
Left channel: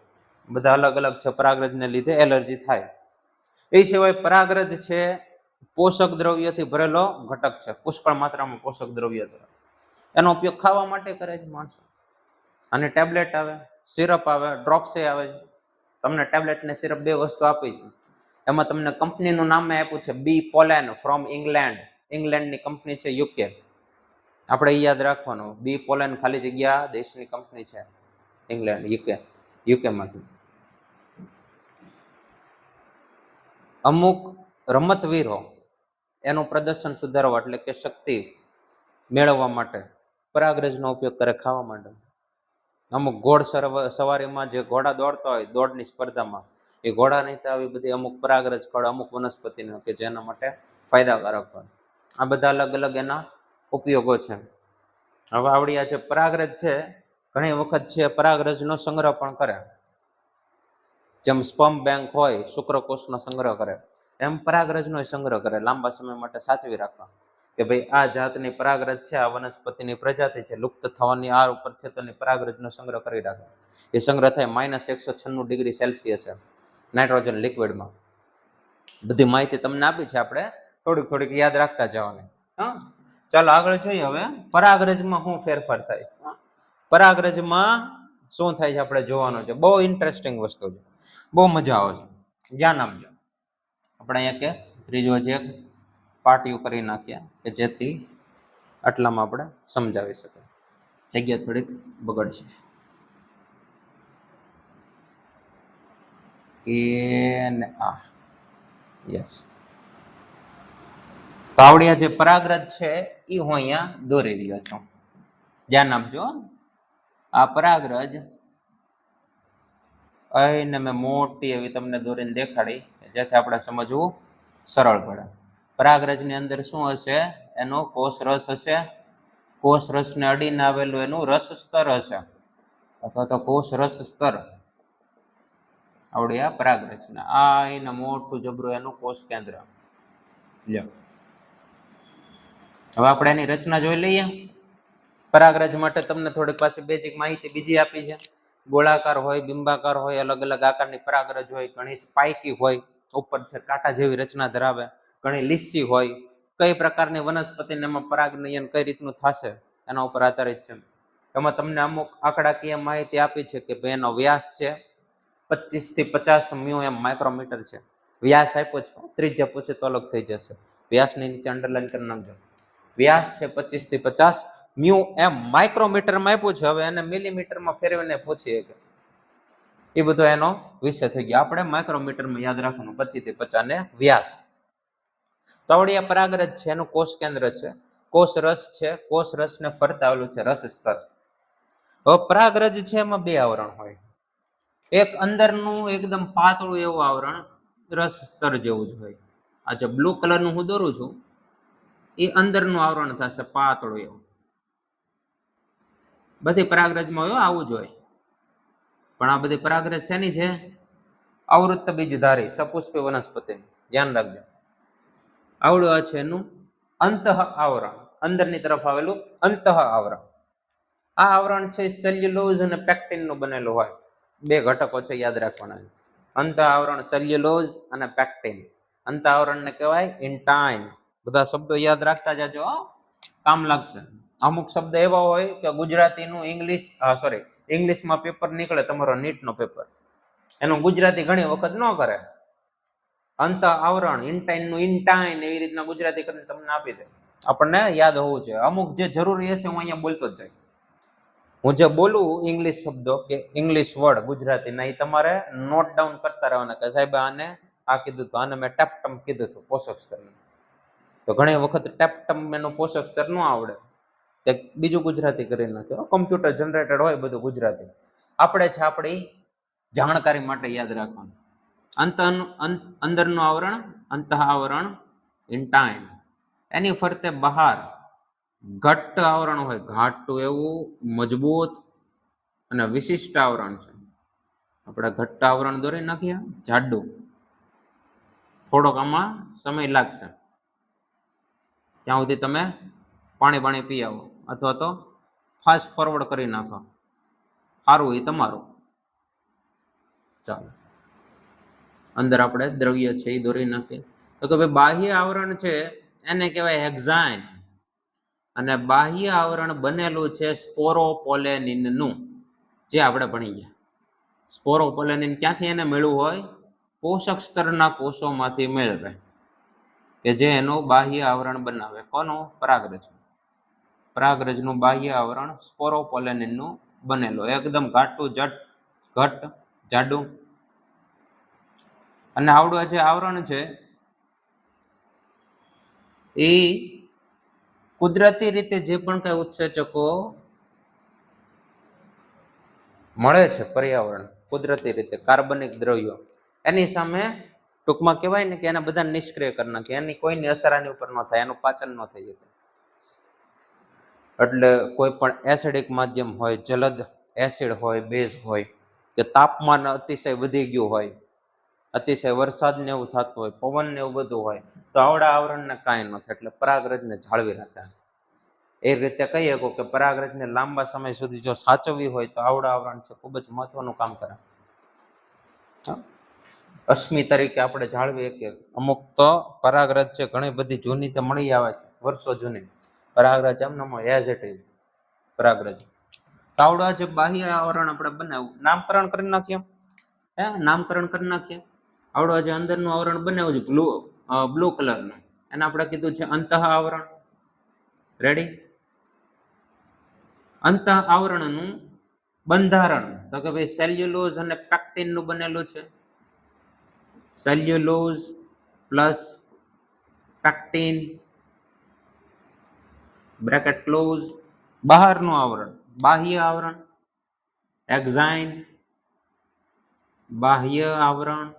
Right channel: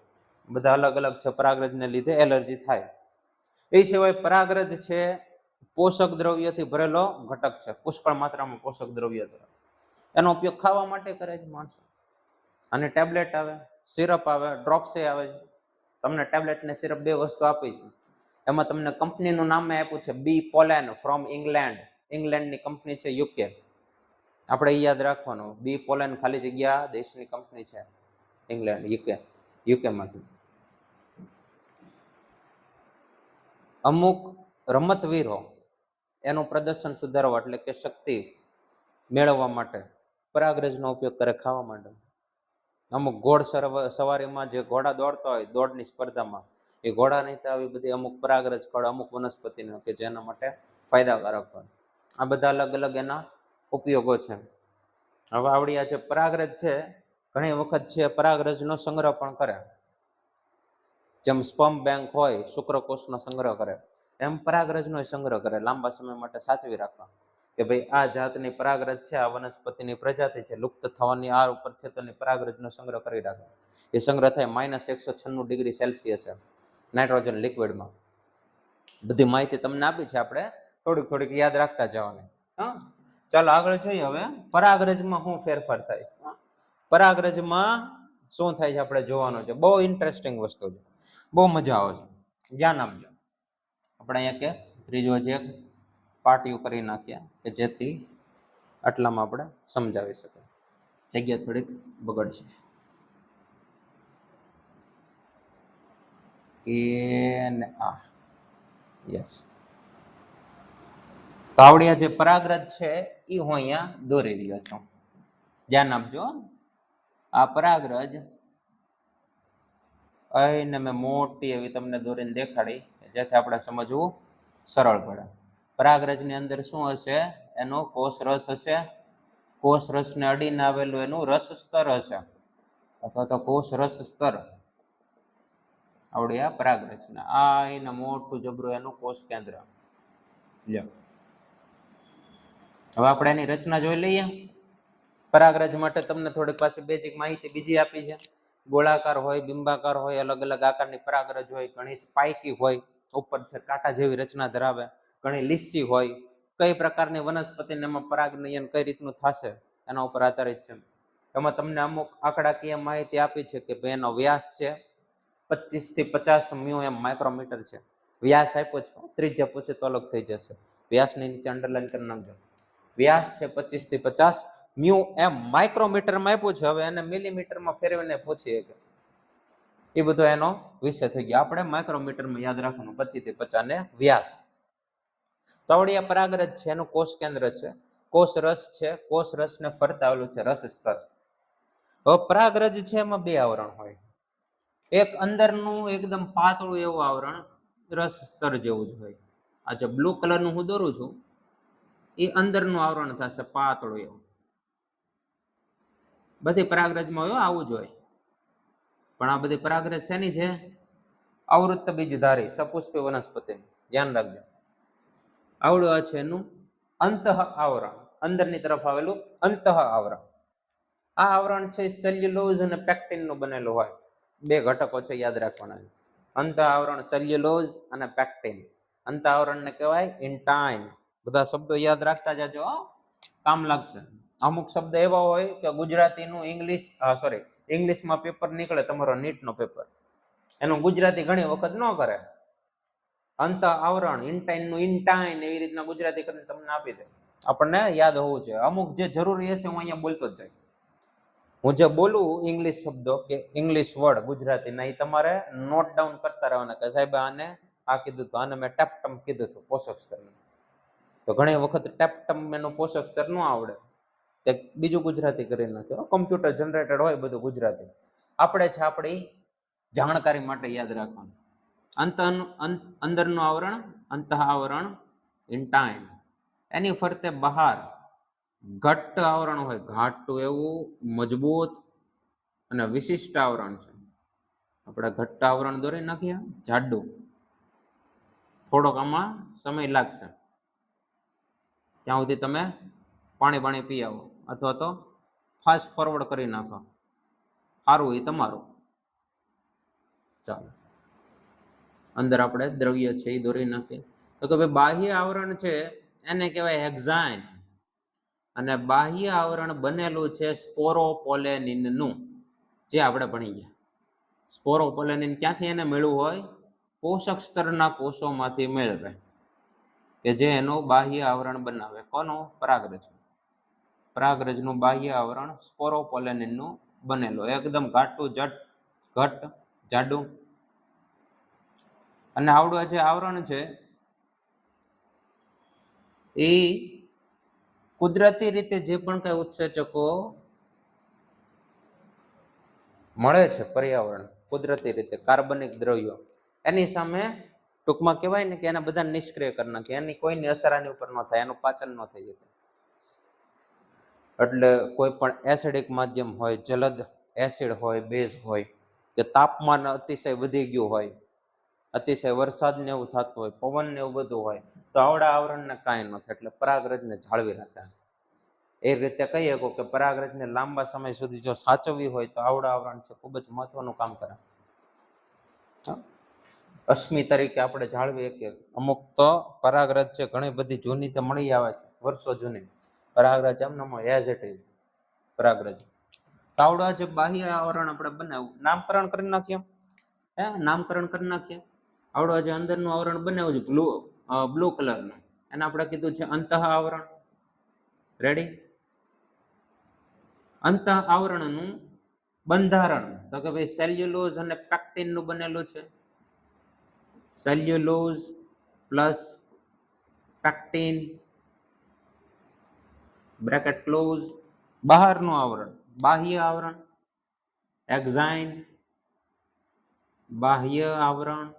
બધા અલગ અલગ છે. પરાગરજને લીધે એલર્જી થાય. એ સિવાય પરાગરજ છે પોષક દ્રવ્યથી ભરેલો ઘટક છે, પુષ્કળ માત્રામાં પોષક દ્રવ્ય. એનો ઉપયોગ ખાવા માટે કરે છે માણસો. અને ટેબ્લેટ આવે, સિરપ આવે, ડ્રોપ્સ આવે છે. તમને ટેબ્લેટ ને સિરપ બે વસ્તુ આપી છે. એમાં તમને કંપનીનું નામ આપ્યું છે બી પોલેન ફ્રોમ ઇંગ્લેન્ડ. ઇંગ્લેન્ડની કંપની છે, યુકે. આપણે એ યાદ રાખવાનું, બી પોલેન ખાલી જગ્યા દેશની કંપની છે, ઇંગ્લેન્ડ, યુકેમાંથી. અમુક રમતવીરો એનું પ્રદર્શન સુધારવા એટલે કે શક્તિ મેળવવા માટે પરાગરજનો ઉપયોગ કરે ખાવા માટે. અમુક ઘોડ સવારીમાં જે ઘોડા દોડતા હોય દોડની સ્પર્ધામાં, એ ઘોડા નહીં આવી બધી અમુક પરાગરજ ફળ અમુક વનસ્પતિનો કે જેના માટે ફાયદાકારક હોય. આ બધા અલગ અલગ એના ઉપયોગો છે. હવે આવડી આ જે પરાગરજ છે ઘણી વખત છે પરાગરજનો સંગ્રહ પણ કરે. જેમ સ્પર્મ બેંક હોય શુક્રકોષનો સંગ્રહ કરે, એમ પરાગરજનો સંગ્રહ કરે, લાંબા સમય માટે સાચવી રાખવા કે ભાઈ આ જાતની પરાગરજ છે, આ વનસ્પતિની પ્રજાતિ છે, લુપ્ત થવાની આ ઉપર છે, તો પરાગરજનો સંગ્રહ કરી રાખે. એ સંગ્રહ થાય -196 ડિગ્રી સેલ્સિયસ નાઇટ્રોજન લિક્વિડમાં. બધી માહિતી તમને આપી છે, આપણે થોડીક યાદ રાખતા જવાની. હા, ચાલો આગળ જોઈએ. હવે પરાગરજમાં શું ફેરફાર થાય, પરાગરજમાં શું થાય છે આપણે જોવાનું છે. બહુ ઇન્ટરેસ્ટિંગ વસ્તુ છે, બહુ મજા આવે છે, ધ્યાન આપજો. આપણે અહીંયા કે ત્રીજો જે પાર્ટી કરી નાખીએ કે જેથી આટલામાં આપણે સમજાવી શકીએ. જગ્યા થોડીક બગડશે. યસ, તાવડિયા જે પરાગરજ છે એ હું અહીંયા દોરી રહ્યો છું. ધ્યાન આપજો. આ પરાગરજ અહીંને મેં મોટી એવી તમને દોરીને દેખાડી જેથી આપણે સમજવું સરળ પડે. પરાગરજની અંદર શું હશે? એનો કોષ રસ હશે. કોષ રસને અડીને આવેલું એનું રસ સ્તર હશે, અથવા તો કોષ રસ સ્તર. આવડ્યા પરાગરજ. આ એને મોટું જબરું એનું કોષ કેન્દ્ર. હવે આપણે એની રચના જોઈ લઈએ. પરાગરજ માટે તમને થોડીક પાછી બેઝિક માહિતી બીજી આપી છે. ગોળાકાર હોય, બિંબાકાર હોય, અલગ અલગ આકારની પરાગરજ હોય. ઘણી સ્પાઇકી હોય, ઉપર છે કાંટા જેવી રચના ધરાવે. ઘણી લીસી હોય. કઈ પ્રકારની વનસ્પતિને એમાં પરાગનયન કઈ રીતનું થશે એના ઉપર આધારિત છે. એમાં તમને અમુક આંકડાકીય માહિતી આપી છે કે ભાઈ એનો વ્યાસ છે 25 થી 50 μm માઇક્રોમીટર છે. વ્યાસ આપ્યો છે, ત્રિજ્યા પૂછે તો અલગ થઈ જશે. વ્યાસની નીચે અંડરલાઈન કરી નાખજો. વ્યાસ છે 25 થી 50 μm માઇક્રોમીટરમાં આપ્યું છે. હવે એને મિલીમીટરમાં ફેરવીને પૂછીએ કે એ બધો એનો વિષય થઈ ગયો. આપણે માઇક્રોમીટરમાં યાદ રાખવાનું, 25 થી 50 ને વ્યાસ. તવડિયા પરાગરજ છે એનું કોષ કેન્દ્ર છે. કોષ રસ છે, કોષ રસને ફરતા આવેલું છે રસ સ્તર. હવે પરાગરજ છે એમાં બે આવરણ હોય. એક અંદરનું એકદમ પાતળું એવું આવરણ રસ સ્તર જેવું જ હોય. આ જે બ્લુ કલરનું હું દોરું છું એ અંદરનું આવરણ થશે પાતળું એવું. બધી પરાગરજમાં હોય આવું જ હોય. પણ આ બધી પરાગરજ શેની છે? આવૃત્ત બીજધારી સપુષ્પી વનસ્પતિ. ધ્યાન રાખજો. આવડું છે એનું અંતઃ આવરણ, અંદરની તરફ આવેલું અંતઃ આવરણ. આ આવરણ છે સેલ્યુલોઝ અને પેક્ટિનનું બનેલું હોય. બે ઘટકો છે, યાદ રાખવાના. અંતઃ આવરણ સેલ્યુલોઝ અને પેક્ટિન. અંતઃ આવરણને કહેવાય ઇન્ટાઇન. બધા શબ્દો યાદ રાખતા જાજો, કામ લાગશે. અમુક શબ્દ એવા હોય કે ગુજરાતીનું ઇંગ્લિશમાં પેપર નીકળે, તમારો નીટનો પેપર, એનું ગુજરાતી ઘણી વખત ન કરે. અંતઃ આવરણ, ઇન્ટાઇનનું ઇન્ટાઇન એવી રીતના ગુજરાતી કરીને તમને આપી દે. આપણને યાદ હોવું જોઈએ. અમુક જે જરૂરી હશે હું અહીંયા બોલતો જ જઈશ. હું જે બોલું ઇંગ્લિશ શબ્દો કે ઇંગ્લિશ વર્ડ ગુજરાતીના, એ તમારે નોટ ડાઉન કરતા રહેવાના કે સાહેબ આને આ કીધું હતું, આને મેં ટેપટમ કીધું હતું પોષક સ્તરનું. તો ઘણી વખત ટેપટમ એનું પોષક સ્તર ન આવડે, કે બીજું ગુજરાતી કરી નાખ્યો. કમ્પ્યુટર જનરેટેડ હોય બધું ગુજરાતી. આપણે છે આપણી જાણકારી માટે યાદ રાખવાનું. અંદરનું આવરણ અંતઃ આવરણ ઇન્ટાઇન. એની ફરતે બહાર ઘટ્ટ આવરણ હોય, ઘાટું એવું મજબૂત અને વિશિષ્ટ આવરણ છે. આપણે ઘટ્ટ આવરણ દોરી નાખીએ, જાડું, થોડોક આમાં સમય લાગશે ત્યાં સુધી તમે પાણી પી આવો અથવા તો ફાસ્ટ ફોરવર્ડ કરી નાખો, સારું એ તમારું. ચાલો અંદર આપણે દ્રવ્ય છે એ દોરી નાખીએ. તો કે ભાઈ બાહ્ય આવરણ છે એને કહેવાય હેક્ઝાઇન, અને બાહ્ય આવરણ બનેલું છે સ્પોરોપોલેનિનનું, જે આપણે ભણી ગયા. સ્પોરોપોલેનિન ક્યાંથી એને મેળવું હોય? પોષક સ્તરના કોષોમાંથી મેળવે, કે જે એનું બાહ્ય આવરણ બનાવે. કોનું? પરાગરજ. પરાગરજનું બાહ્ય આવરણ સ્પોરોપોલેનિનનું બનેલું, એકદમ ઘાટું ઘટ જાડું. અને આવડું જે આવરણ છે એ કુદરતી રીતે જે પણ કઈ ઉત્સેચકો મળે છે પર્યાવરણ કુદરતી રીતે, કાર્બનિક દ્રવ્યો, એની સામે ટૂંકમાં કહેવાય ને કે એના બધા નિષ્ક્રિય કરી નાખે, એની કોઈની અસર આની ઉપર ન થાય, એનું પાચન ન થઈ શકે. એટલે કોઈ પણ એસિડિક માધ્યમ હોય, જલદ એસિડ હોય, બેઝ હોય, કે તાપમાન અતિશય વધી ગયું હોય, અતિશય વરસાદ ને એવું થતું હોય, પવન ને એવું બધું હોય, તો આવડા આવરણને કાંઈ ન થાય. એટલે પરાગરજને જાળવી રાખે. એ રીતે કહીએ કે પરાગરજને લાંબા સમય સુધી જો સાચવવી હોય તો આવડા આવરણ છે ખૂબ જ મહત્વનું કામ કરે. અશ્મિ તરીકે આપણે જાળવીએ કે અમુક તો પરાગરજ છે ઘણી બધી જૂની તે મળી આવે છે, વર્ષો જૂની પરાગરજ એમને એઝ ઇટ ઇઝ પરાગરજ. આવડા જે બાહ્ય આવરણ આપણે બનાવ્યું, નામકરણ કરી નાખીએ, નામકરણ કરી નાખીએ. આવડા જે અંદરનું આવરણ બનાવ્યું છે બ્લુ કલરનું, એને આપણે કીધું છે અંતઃ આવરણ. રેડી? અંતઃ આવરણનું બંધારણ તો કે ભાઈ સેલ્યુલોઝ અને પેક્ટિન નું બનેલું છે. Cellulose plus pectin bracket close. બહારનું આવરણ, બાહ્ય આવરણ એક્ઝાઇન. બાહ્ય આવરણ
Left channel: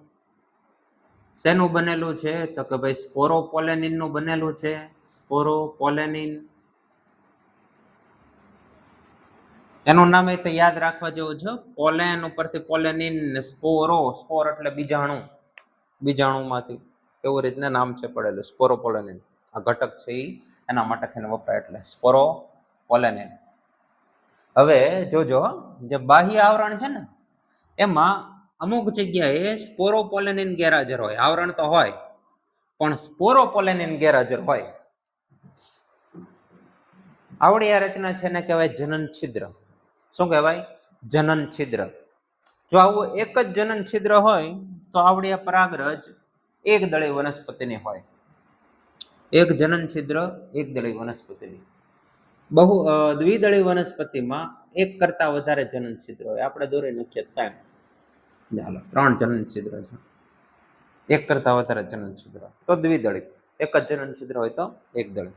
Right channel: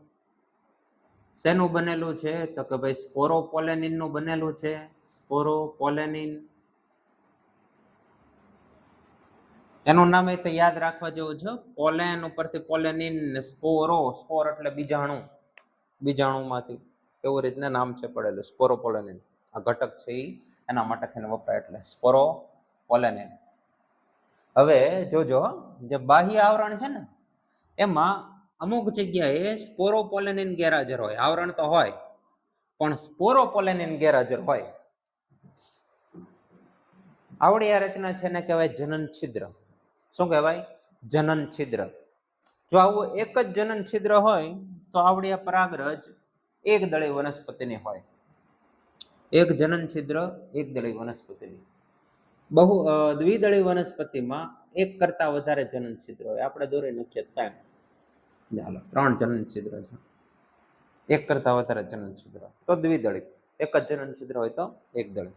શેનું બનેલું છે? તો કે ભાઈ સ્પોરોપોલેનિન નું બનેલું છે. સ્પોરોપોલેનિન, એનું નામ એ તો યાદ રાખવા જેવું છે. પોલેન ઉપરથી પોલેનિન, સ્પોરો, સ્પોર એટલે બીજાણુ, બીજાણુમાંથી, એવું રીતના નામ છે પડેલું સ્પોરોપોલેનિન. આ ઘટક છે એ એના માટે થઈને વપરાય, એટલે સ્પોરોપોલેનિન. હવે જોજો, જે બાહ્ય આવરણ છે ને એમાં અમુક જગ્યાએ સ્પોરોપોલેનિન ગેરહાજર હોય. આવરણ તો હોય પણ સ્પોરોપોલેનિન ગેરહાજર હોય. આવડી આ રચના છે એને કહેવાય જનન છિદ્ર. શું કહેવાય? જનન છિદ્ર. જો આવું એક જ જનન છિદ્ર હોય તો આવડી આ પરાગરજ એક દળી વનસ્પતિની હોય. એક જનન છિદ્ર એક દળી વનસ્પતિની. બહુ દ્વિદળી વનસ્પતિમાં એક કરતા વધારે જનન છિદ્ર હોય. આપણે દોરી નાખીએ 3 જનન છિદ્ર છે. એક કરતા વધારે જનન છિદ્ર તો દ્વિદળી, એક જ જનન છિદ્ર હોય તો એક દળી.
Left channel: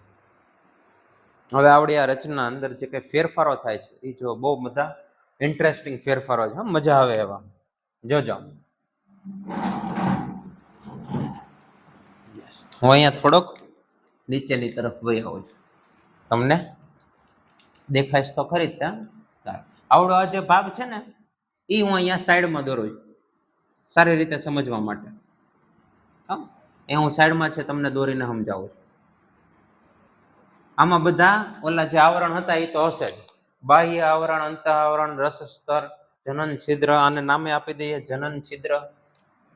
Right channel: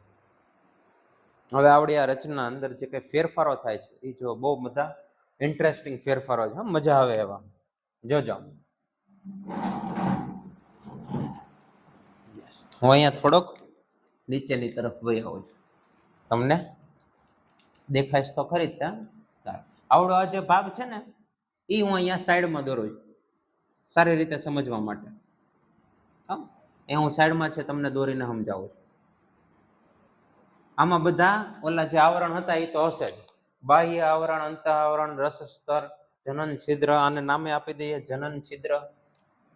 હવે આવડી આ રચના અંદર જે કઈ ફેરફારો થાય છે એ જો બહુ બધા ઇન્ટરેસ્ટિંગ ફેરફારો છે, મજા આવે એવા. જોજો, હું અહીંયા થોડોક નીચેની તરફ વહી આવું છું, તમને દેખાય તો ખરી જ. આવડો આ જે ભાગ છે ને એ હું અહીંયા સાઈડમાં દોરું છું સારી રીતે સમજવા માટે. એ હું સાઈડમાં છે તમને દોરીને સમજાવું છું. આમાં બધા ઓલા જે આવરણ હતા એ તો હશે જ. બાહ્ય આવરણ, અંતઃ આવરણ, રસ સ્તર, જનન છિદ્ર. આને નામે આપી દઈએ જનન છિદ્ર.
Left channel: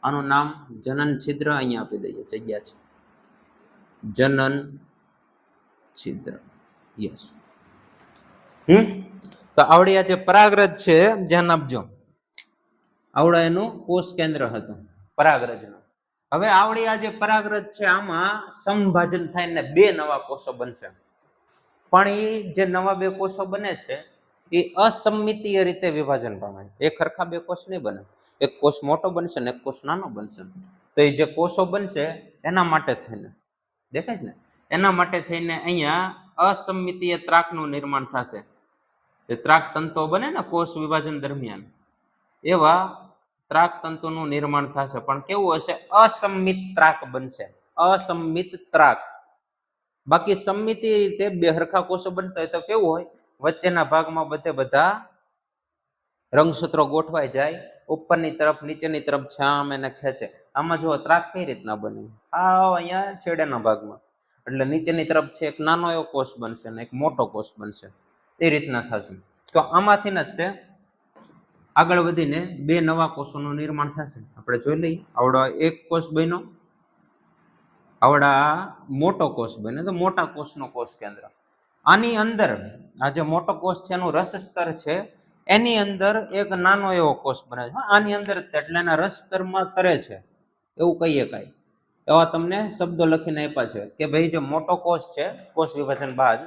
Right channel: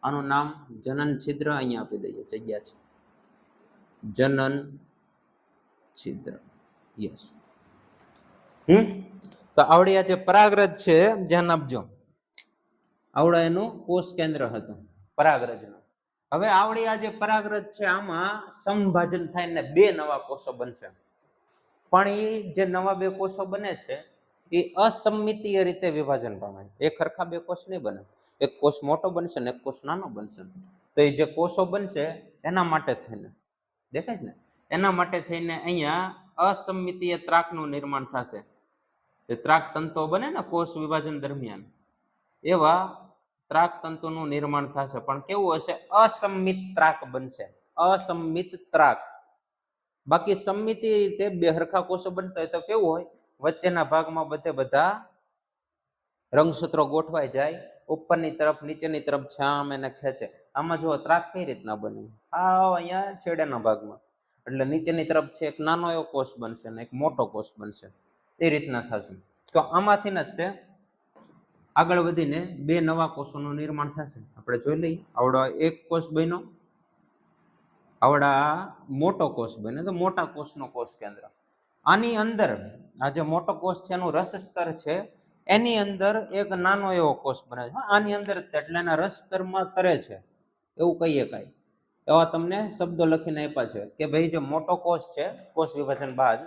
આનું નામ જનન છિદ્ર અહીંયા આપી દઈએ, જગ્યા છે જનન છિદ્ર. યસ. તો આવડી આ જે પરાગરજ છે ધ્યાન આપજો, આવડા એનું કોષ કેન્દ્ર હતું પરાગરજનું. હવે આવડી આ જે પરાગરજ છે આમાં સંભાજન થઈને 2 નવા કોષો બનશે. પણ એ જે નવા 2 કોષો બને છે એ અસમિતીય રીતે વિભાજન પામે. એક સરખા 2 કોષ નહીં બને. એક કોષ મોટો બનશે ને એક કોષ નાનો બનશે. તો એ જે કોષો બનશે એના માટે થઈને, દેખાય ને, એના માટે થઈને અહીંયા અસમિતીય ત્રાકનું નિર્માણ થશે. જે ત્રાક તંતુઓ બને ને કોષ વિભાજન દરમિયાન, એવા ત્રાક તંતુનું નિર્માણ થશે. પણ કેવું હશે? અસમિત ત્રાક બનશે. અસમિત ત્રાક. બાકી સમમિતીય રીતે 2 સરખા કોષો બનતા હોય તો કેવું હોય? વચ્ચેના ભાગમાં બધા રંગસૂત્રો ગોઠવાઈ જાય, ઉપરની તરફ નીચેની તરફ છે આમ એને ખેંચે. આમાં જુઓ ત્રાક કઈ રીતના બને, આ અહીંયા છેડેના ભાગમાં, એટલે નીચેની તરફ છે એક નાનો એવો કોષ બનશે ને એક મોટો કોષ બનશે, એ રીતના થશે. તો આમાંથી જ તે આગળ વધીને બે નવા કોષોનું નિર્માણ થશે. આપણે જોઈ લઈએ, આવડો એક કોષ બન્યો, આવડા મોટો કોષ બન્યો, તો મોટા કોષનો કોષ કેન્દ્ર. આની અંદર આ જે મોટો કોષ છે એનું રસ સ્તર છે, એની અંદર એક નાનો એવો કોષ બને છે આની અંદર, એટલે એના રસ સ્તરમાં તરે છે એવું કહીએ. કાંઈ એવા તમને શબ્દો લખીને આપ્યા છે કે ભાઈ જે મોટો કોષ છે, કોષ વિભાજન બાદ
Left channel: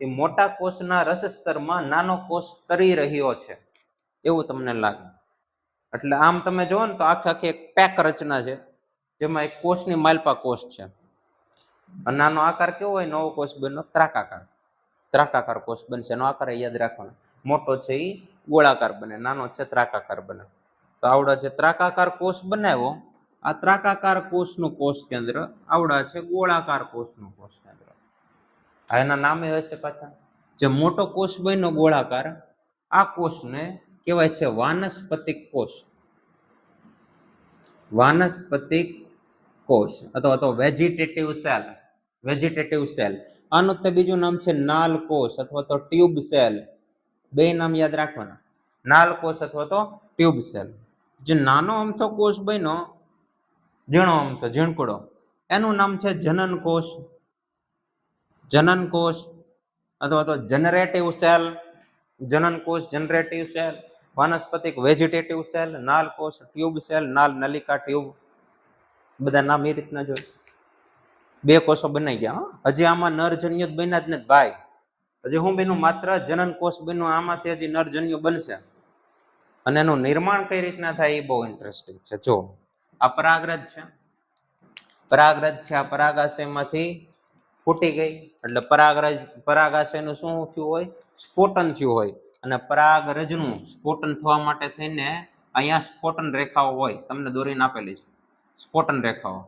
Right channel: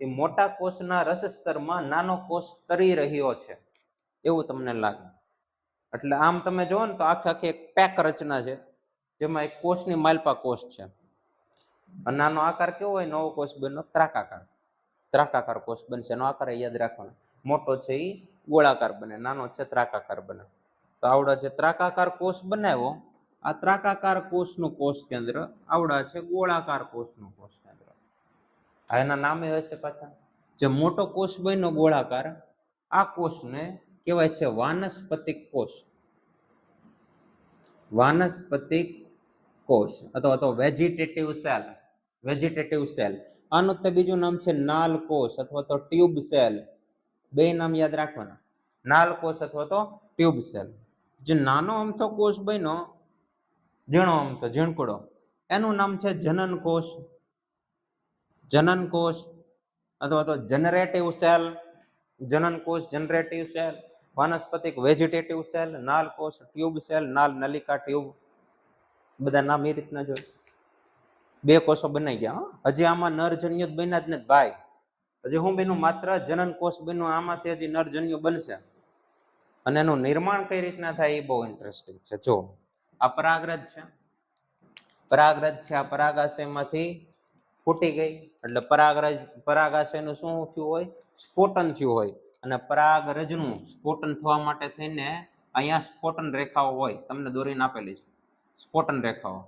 એ મોટા કોષના રસ સ્તરમાં નાનો કોષ તરી રહ્યો છે એવું તમને લાગે. એટલે આમ તમે જુઓ ને તો આખી એક પેક રચના છે, જેમાં એક કોષની માલપા કોષ છે. નાનો આકાર કેવો હોય, નવો કોષ બન્યો ત્રાકાકાર કોષ બનશે. એનો આકાર યાદ રાખવાનો, મોટો છે એ ગોળાકાર બને, નાનો છે ત્રાકાકાર બને. તો આવડા જે ત્રાકાકાર કોષ બનાવ્યો, આ ત્રાકાકાર કોષનું કોષ કેન્દ્ર, આવડા છે ગોળાકાર કોષનું કોષ કેન્દ્ર. આ એના નામે હશે પાછા. જે મોટો કોષ બન્યો ગોળાકાર, આ કોષને કહેવાય છે વાનસ્પતિક કોષ. વાનસ્પતિક કોષ અથવા તો વેજીટેટિવ સેલ. Vegetative cell. આનું તે બીજું નામ છે નાલ કોષ અથવા તો ટ્યુબ સેલ. બે નામ યાદ રાખવાના, નાલ કોષ અથવા તો ટ્યુબ સેલ. જે નાનો અમથો કોષ બન્યો, ઝીણો અમથો ઝીણકુડો, એનું નામ છે જનન કોષ. જનન કોષ અથવા તો જનરેટિવ સેલ. જનન કોષ, જનરેટિવ સેલ, વાનસ્પતિક, વેજીટેટિવ સેલ, નાલ કોષ, ટ્યુબ સેલ, નાલ નલિકા, ટ્યુબ, બધા નામ એ રીતના જોઈએ. બે કોષો બનાઈ ગયા. હજી આમાં નરજન્યુ બન્યા જ નથી ભાઈ. હજી હું બન્યું, માત્ર જનન કોષ બન્યું, આમાંથી હજી નરજન્યુ બનશે. અને એનું નિર્માણ કઈ રીતના થાય એ બહુ ઇન્ટરેસ્ટિંગ છે. જો આ પરાગરજ છે, પરાગરજ છે, આ પરાગાશયમાંથી ફૂટી ગઈ એટલે પરાગાશયનું શું થયું હોય, સ્ફોટન થયું હોય. અને પરાગરજનું સ્ફોટન થવા માટે થઈને અહીંયા સ્ફોટન રેખાઓ હોય, તમને દોરીને આપેલી છે સ્ફોટન રેખાઓ.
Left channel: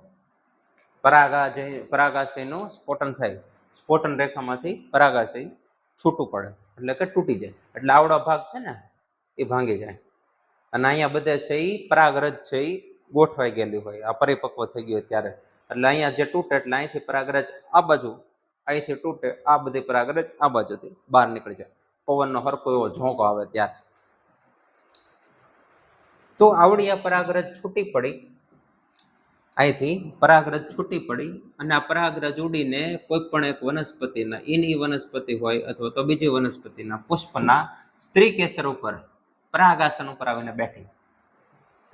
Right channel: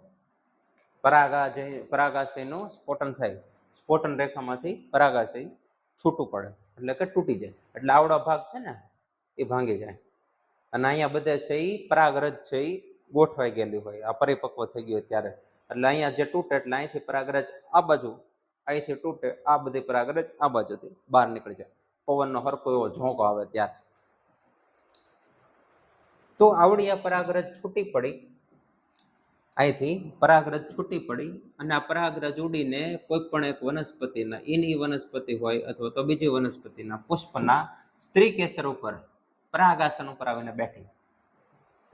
પરાગાશયનું સ્ફોટન થાય, સ્ફોટન રેખામાંથી પરાગાશય છૂટું પડે એટલે કે તૂટી જાય. એટલે આવડો ભાગ છે ને એ ભાંગી જાય, અને અહીંયા બધે છે એ પરાગરજ છે એ ગોઠવાઈ ગયેલી હોય, આ પરિપક્વ થઈ ગયો ત્યારે. એટલે અહીંયા જે તૂટે એટલે અહીંથી પરાગરજ આ બાજુ, અહીંથી તૂટે આ બધી પરાગરજ આ બાજુથી બહાર નીકળી જાય, પવનનો હરકો એવો ઝોંકો આવે ત્યારે. તો આવડી આ પરાગરજ છૂટી પડી, અહીંથી પરાગરજ છૂટી પડી, અને આ પરાગરજ ઉડીને કોઈ પણ એક વનસ્પતિના, ઈની વનસ્પતિ હોય અથવા તો બીજી વનસ્પતિના પુષ્પના સ્ત્રી કેસર ઉપર, પરાગાસન ઉપર આવીને બેઠી.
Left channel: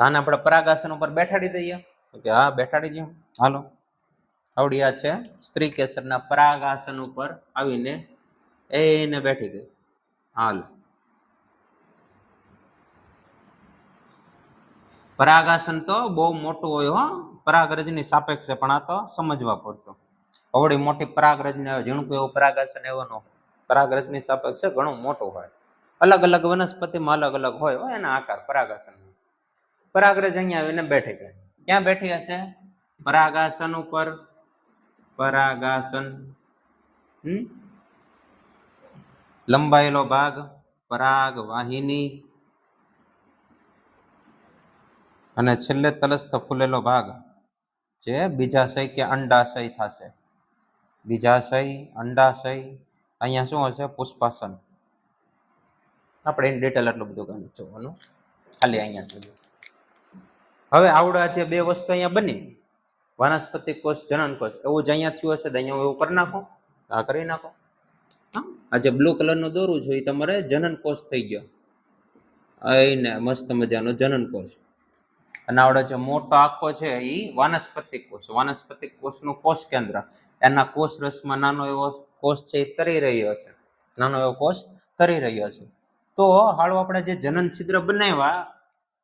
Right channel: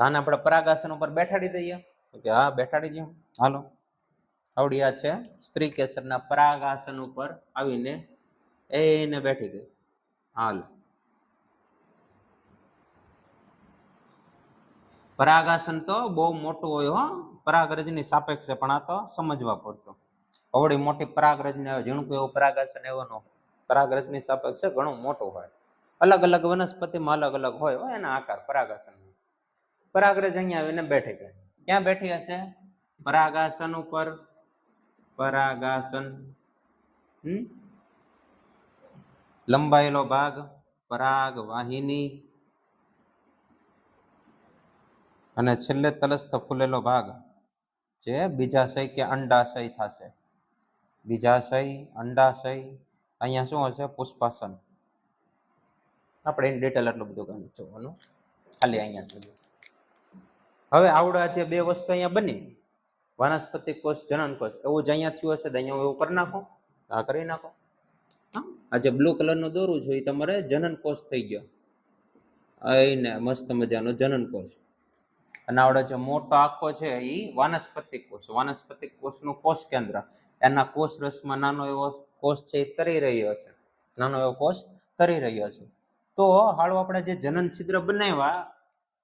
આને આપણે પરાગાસન ઉપર બેઠાડી દઈએ કે હા બેઠાડી દઈએ, હાલો. આવડી આ છે સ્ત્રી કેસરના પરાગાસન ઉપર આવીને એને બેઠી ગઈ. હાલ, પરાગાસન તો બહુ મોટું હોય હો, પરાગરજની સાપેક્ષે, પણ આ તો સમજવા પડતો. આવડી મોટી પરાગરજને ઝીણકું એવું પરાગાસન એવો ન, પરાગરજની સાપેક્ષે ઘણું મોટું હોય. અલગ અલગ વનસ્પતિમાં અલગ અલગ હોય એના આકાર પરાગાસન. પરાગરજ અહીંયા આવીને બેઠી ગઈ. ક્યાં બેઠી હશે? પરાગાસન ઉપર. પરાગાસન, લંબાયેલો ભાગ, પરાગ વાહિની, અને છેલ્લે તલસ્થ ફૂલેલો ભાગ જે બીજાશય કે અંડાશય થશે. બીજાશય, અંડાશય, અહીંયા શું હશે? પુષ્પાસન. આપણે ઇન ડિટેલ એટલું બધું કઈ જોવાનું, ખાલી અહીંયા જોઈએ. હવે આવડા જે બે વસ્તુ અહીંયા બની, વાનસ્પતિક કોષ, જનન કોષ, એવું જ અહીંયા થયું હશે તો અહીંયા એવું કરી નાખો, આ કરી નાખો. આ જે બ્લુ કલરનું દોરું છે એ તમારે જનન કોષ થઈ ગયો, એને મસ્ત મજાનો જનન કોષ. અને આવડે જે મોટો આખો છે એ વાનસ્પતિક કોષ. વાનસ્પતિક કોષનું કોષ કેન્દ્ર, એના કોષ રસમાં નાનો એવો કોષ છે એ તરી રહ્યો છે, નાનો એવો કોષ તરી રહ્યો છે. તો હાલો આપણે જે જનન છિદ્ર બનાવ્યા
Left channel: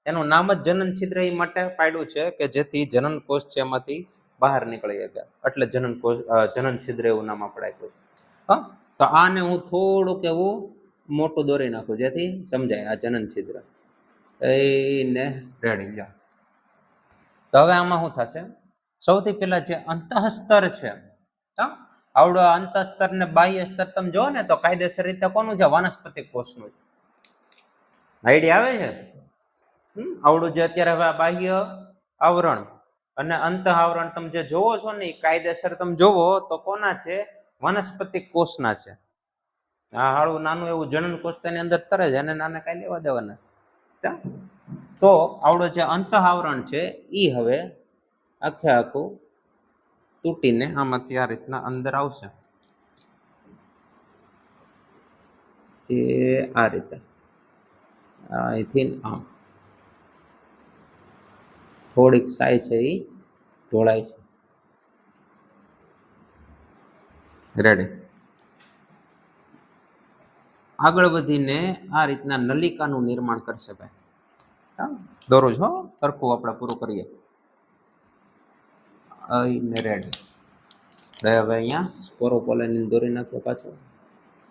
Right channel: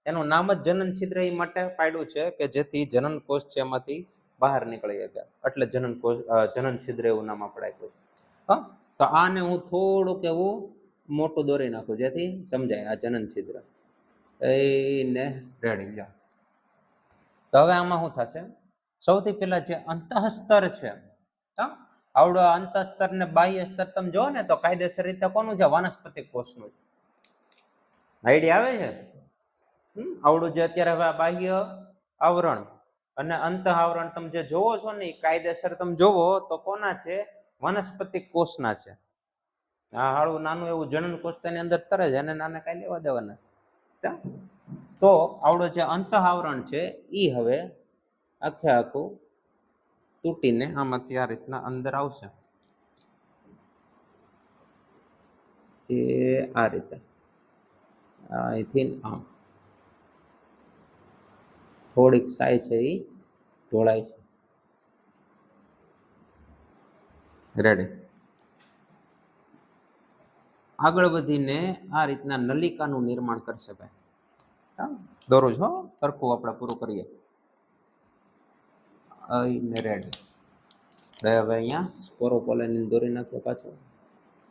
એનું નામ જ જનન છિદ્ર એ માટે પાડ્યું છે કે જેથી જનન કોષ છે એમાંથી બહાર નીકળી શકે, એટલે જનન કોષ, જનન છિદ્ર એવું નામ આપણે આપ્યું છે. તો આને હું થોડુંક એવું મોટું દોરી નાખું જેથી સમજાય. આ જનન છિદ્ર એને રેડી જાઓ. તો હવે આમાં શું થશે? સૌથી પહેલા જે અંતઃસ્તર છે, આવડો અંતઃસ્તર ને બાહ્ય સ્તર તમે જો ને તો કાયદેસર રીતે કોનું છે? વાનસ્પતિક કોષનું. આઈડિયા આવે છે? આવડું જે અત્યારે હવે બાહ્ય આવરણ અને અંત આવરણ તમે જે જોવો છો ને કાયદેસર તમે જોવો તો કોના છે? વનસ્પતિ કોષના છે. આ હાળું નાનું એવું જનન કોષ તેની અંદર તરે છે અને નાના કઈ લેવા દેવાના. તો આવડું જે અંત આવરણ છે એ હવે આખે આખું તૂટીને આમાંથી આ રીતના અંદર આવશે. એ આ રીતે અહીંથી આમ થોડીક સાઈ છે એ ઢોળાય છે. રેડી. આગળ વધીને આ રીતના નલિકાનું નિર્માણ કરશે ભાઈ. દોરું છો સરખું આપણે પૂરું કરીએ. રેડી. હવે અહીંયા સ્પોરોપોલેન દોરી નાખો પાછો.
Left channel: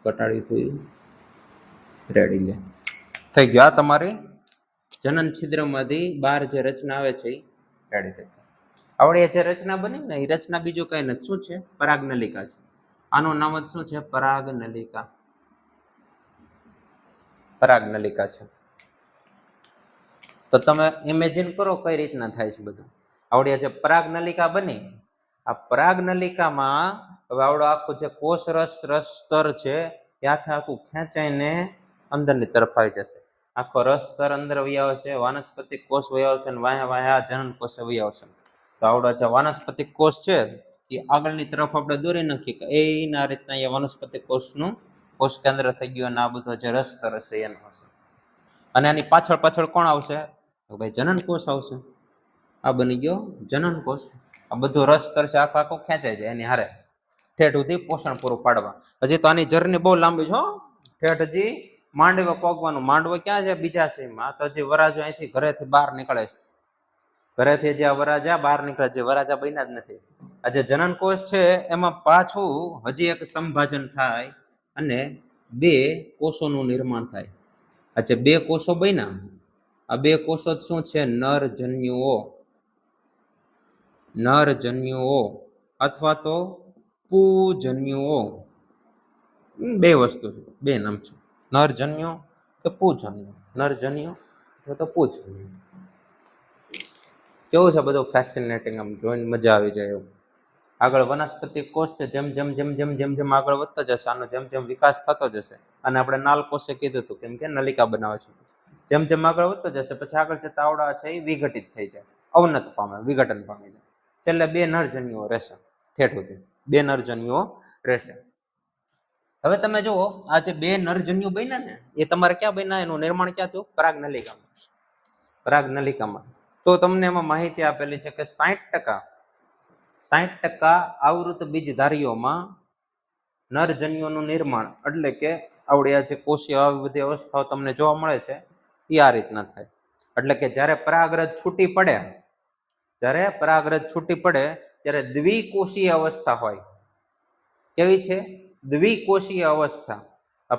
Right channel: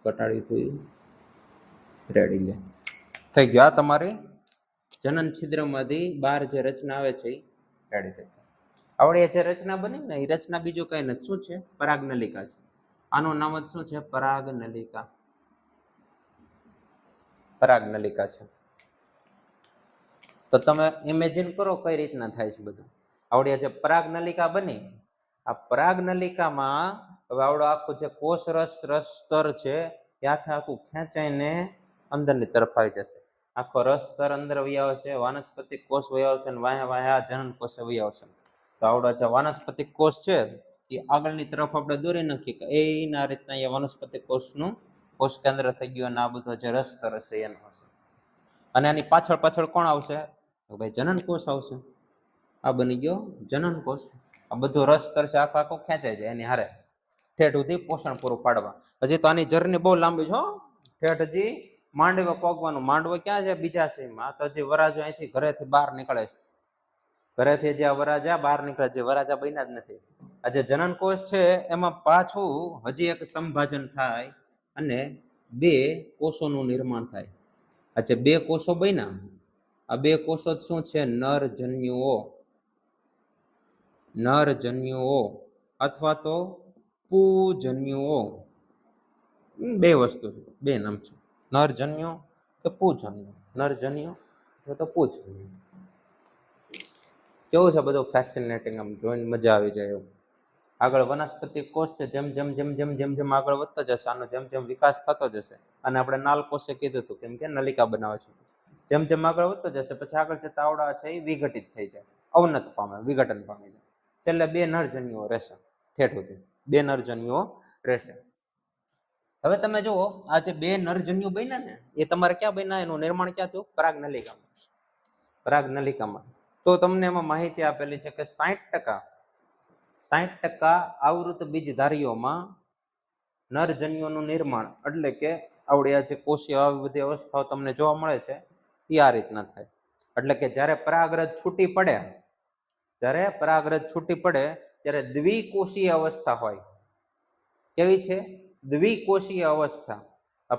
ઘટાડી થઈ રેડી લે થઈ ગયો. આ તમારી જનન છિદ્રમાંથી બહાર જે રચના આવે છે એ રેડી થઈ. આવડે જે રચના બની ને એ રચના બીજું કઈ નથી. શું છે? પરાગનલિકા છે. આનું નામ જ શું છે? પરાગનલિકા. પરાગનલિકા છે. તો તમે ઇમેજિન કરો કઈ રીતના થાય છે બધું. આવડે જે પરાગનલિકા બની, આ પરાગનલિકામાં હવે આવડો આખું જે કોષ રસ સ્તર છે એ આખે આખું ખેંચાઈને અંદરની તરફ આવી જશે. આખો રસ સ્તર અંદર વહી આવશે, વાનસ્પતિક કોષ વહી આવશે અને વાયા વાયા જનન કોષ વહી આવશે. તો આવડો જે વાનસ્પતિક કોષ છે એ આગળની તરફ આપણે દોરી નાખીએ કે એના રીતના એ વાનસ્પતિક કોષનું કોષ કેન્દ્ર થઈ ગયું અને આ બધો જે રસ સ્તર હશે એનો હશે. અને આની પાછળ પાછળ કોણ આવશે? તો ભાઈ જનન કોષ આવશે. આ બની ગયો જનન કોષ. આ બધું રસ સ્તર છે આખો આખો ખેંચાઈ જાય એની હારે ઠેઠ સુધી પોષણ પૂરું પાડવા. હજી તો આની જર્ની બહુ લાંબી છે. ઠેઠ હજી માંડવો પોગવાનું. માંડવો ક્યાં છે? બીજા શયમાં. તો હજી વરાજો અહીંથી ઘરેથી બહાર નીકળે છે. ઘરેથી જે વરાજા બહાર નીકળે છે, વરાજા બન્યા જ નથી. આ જે જનન કોષ છે એમાં પાછું હજી એક સંભાજન થાય અને બે કોષોનું નિર્માણ થાય. આ જે બે કોષો બન્યા, આ બે કોષો શું છે? નરજન્યુઓ. નરજન્યુઓ અથવા તો પૂજન્યુઓ. બે વસ્તુ છે, બે નામ છે. નરજન્યુ કે પૂજન્યુ. નરજન્યુ અથવા તો પૂજન્યુ. કેવું છે બધું ફેસિનેટિંગ, આમ જોઈને મજા આવી જાય એવું. આગળ વનસ્પતિ કોષ છે જેમ જેમ જેમ જેમ જેમ જેમ આગળ વધતો જશે, આનો જેમ જેમ વિકાસ થતો જશે, અને આપણે નાલ કોષે કીધું હતું કેમ કે નલિકા બનાવે છે. જેમ જેમ આગળ વધતો જશે પછી આગળ જતા આવડા છે એ વિઘટિત થઈ જાય, અવનત પામે, વિઘટન પામી જાય. છેલ્લે બે નરજન્યુઓ રહેશે. ઠેઠ સુધી બે નરજન્યુઓ રહેશે. હવે તમે જુઓ આ જે બે નરજન્યુ બન્યા ને એ તમારે ક્યાં બન્યા? એનું નિર્માણ ક્યાં થયું? પરાગનલિકામાં. પરાગનલિકામાં. તો તમને એમાં માહિતી આપેલી છે કે 60% આવૃત બીજધારીઓમાં નરજન્યુઓનું નિર્માણ એટલે કે આવડે જે કોષીય આવી બધી અવસ્થાઓ તમને જોવા મળે છે એ આ રીતના થાય. એટલે કે જ્યારે પરાગરજ છૂટી પડે, જ્યારે પરાગરજ છૂટી પડે ત્યારે દ્વિકોષીય અવસ્થા હોય. કેવી છે? દ્વિકોષીય અવસ્થા.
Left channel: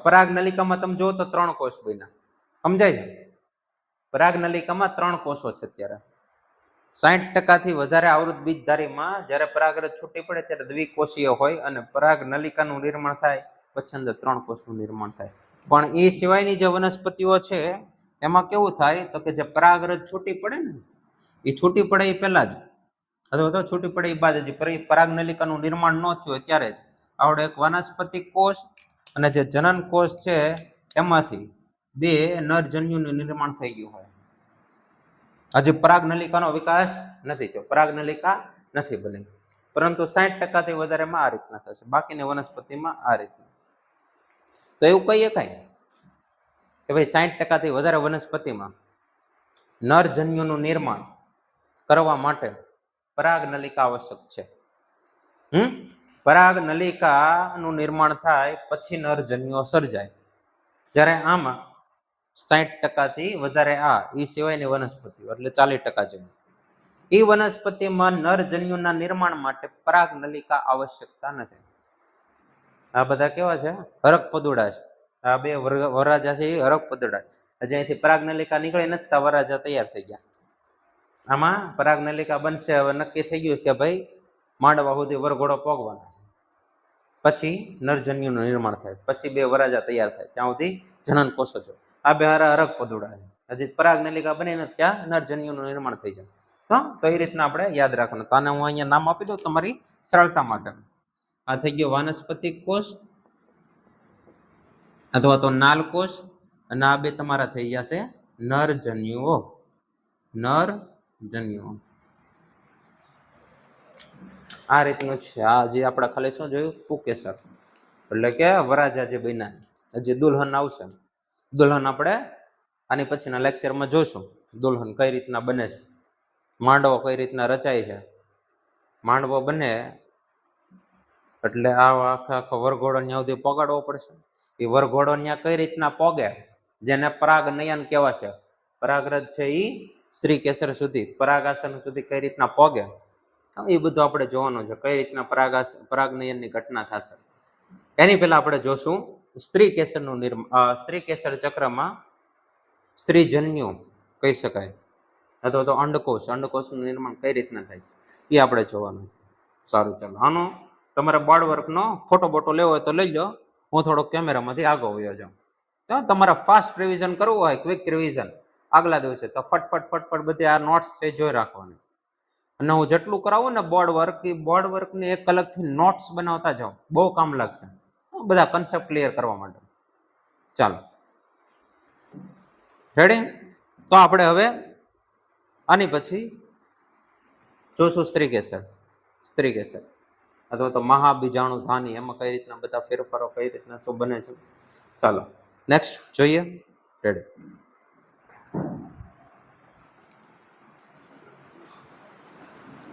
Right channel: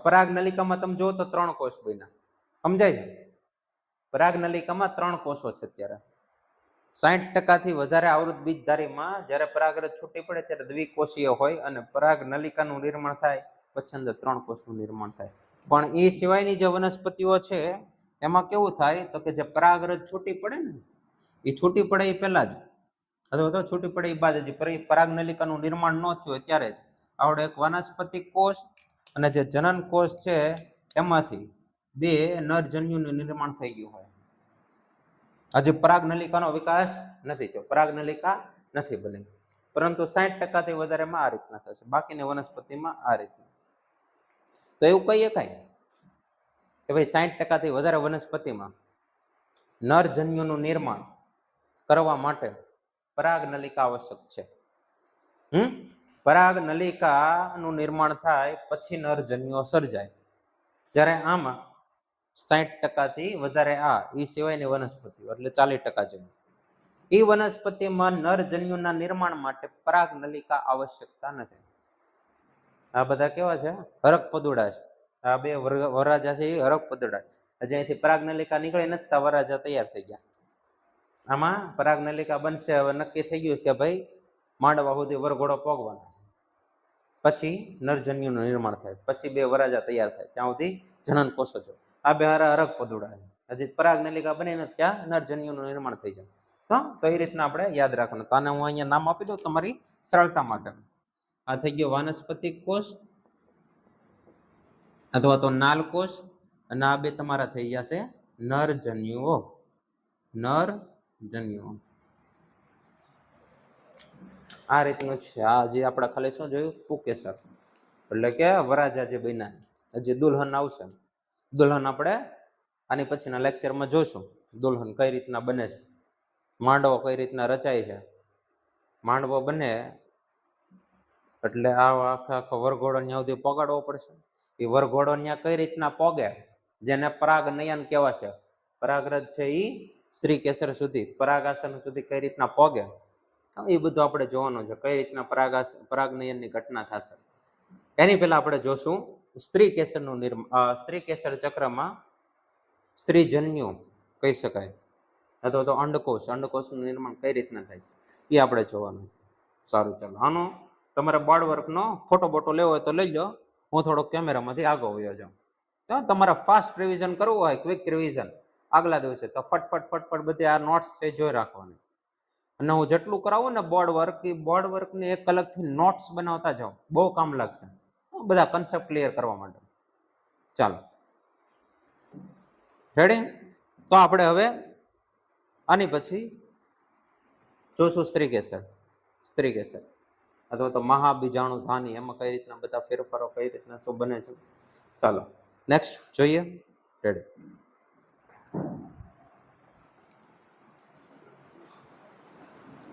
પરાગનલિકામાં તમે જો તો 3 કોષ બન્યા. સમજાય છે? પરાગનલિકામાં 3 કોષો છે અત્યારે. 60% થી વધારે આવૃત બીજધારીમાં જ્યારે પરાગરજ છૂટી પડે ત્યારે દ્વિકોષીય હોય અને પરાગનલિકાનું નિર્માણ થાય પછી અંદર 3 કોષનું નિર્માણ થાય. પણ એ સિવાયની જે વનસ્પતિઓ છે એમાં કેવું થાય તો કે જે પરાગરજ છૂટી પડે ને એ છૂટી પડે એ પહેલા જ અથવા તો છૂટી પડે એ બાદ જ પરાગનલિકાનું નિર્માણ ન થયું ત્યારે જ આવડે એક વનસ્પતિ કોષ અને જે જનન કોષ છે એમાંથી બે નરજન્યુનું નિર્માણ થઈ ગયું હોય. હજી પરાગનલિકાનો વિકાસ નથી થયો, પરાગનલિકા નથી બની, પરંતુ 60% થી વધારેમાં આ રીતના થશે, બાકીની વનસ્પતિમાં આ રીતના. તો એવું કહી શકાય કે ભાઈ 60% થી વધારે વનસ્પતિમાં નરજન્યુનું નિર્માણ કરવા માટે પરાગનલિકા આવશ્યક છે. પરાગનલિકાનું નિર્માણ થાય પછી નરજન્યુઓ સર્જાય. જ્યારે આમાં 60% થી વધારે આ એ સિવાયની વનસ્પતિઓ એટલે 40% જેવી એ વનસ્પતિમાં નરજન્યુના નિર્માણ માટે પરાગનલિકા આવશ્યકતા નથી. આ બધા કેવા છે? હરક પદુડા છે. આ બે વરરાજા છે એ હરક પદુડા. હજી અહીંથી પરાગનલિકા નીકળી નથી, વરરાજા તૈયાર થઈ ગયા. આમાં પરાગનલિકા બનશે. હવે નક્કી થઈ ગયું કે ભાઈ માંડવા સુધી વરઘોડો પોગવાનો, પછી નરજન્યુનું નિર્માણ થાય, પછી બે વરરાજા તૈયાર થાય, ત્યાં સુધી જનન કોષો છે. આ બે હરક પદુડા છે. હજી પરાગ નલિકા બનીને ત્યાં નરજન્યુનું નિર્માણ થઈ જાય. હા, તો એ રીતના આપણે યાદ રાખવાનું. તો આને હું અહીંયા નામ આપી દઉં તમારી સરળતા માટે. આ થઈ ગયો વાનસ્પતિક કોષ અથવા તો નાલ કોષ, અને આ બે તમારા થઈ જશે નરજન્યુઓ. નરજન્યુઓ આ રીતનું છે. આ જે આપણે ખાલી શું જોયું, પુકેસર એટલે કે વરાજા જે બન્યા. હજી દુલ્હન આવશે. દુલ્હન આપણે આની પછીના લેક્ચરમાં જોશું. દુલ્હન કઈ રીતના બને છે, માંડવો કઈ રીતના રચાય છે. માંડવો બને એટલે આ આખો વરઘોડો ત્યાં સુધી પગાડવો પડશે. એ વરઘોડો ત્યાં કઈ રીતના પોગે, જેને પરાગ નયન કહેવાશે. પરાગરજ છે એ સ્ત્રી કેસર સુધી, પરાગાસન સુધી કઈ રીતના પોગે, એ બધું આપણે જોવાનું છે. કઈ રીતના પરાગનયનની ઘટના થશે. એની પહેલા આપણે જોશું સ્ત્રી કેસરનું સ્ત્રી કેસર ચક્રમાં સ્ત્રીજન્યુ કહી શકાય, અથવા તો અંડકોષનું નિર્માણ કઈ રીતના થાય એ આપણે જોવાનું. સારું, ચાલો આનો તમારે બોર્ડ વર્કનો ફોટો બોટો લેવો હોય તો લઈ લો. હું થોડોક કેમેરામાંથી આગળ વયો જાઉં. તો તમારે ફાસ્ટ રિવિઝન કરવું હોય, ક્વિક રિવિઝન આગલા દિવસે, તો ફટફટ બધી આ નોટ્સ છે જોઈ રાખવાની. અને હું જેટલું કરાવું ને બોર્ડ વર્ક, એ બોર્ડ વર્કને એક અલગથી નોટ્સ બનાવતા જાઉં, બહુ કામ લાગશે બધા કન્સેપ્ટ ક્લિયર કરવા માટે. ચાલો રેડી? તો આપણે હવે આની પછી જોશું સ્ત્રી કેસર અથવા તો મહાબીજાણુ ધાની, એમાં કઈ રીતના બધા ફેરફારો, કઈ રીતના શું બને છે. ચાલો નેક્સ્ટ જોઈએ. રેડી?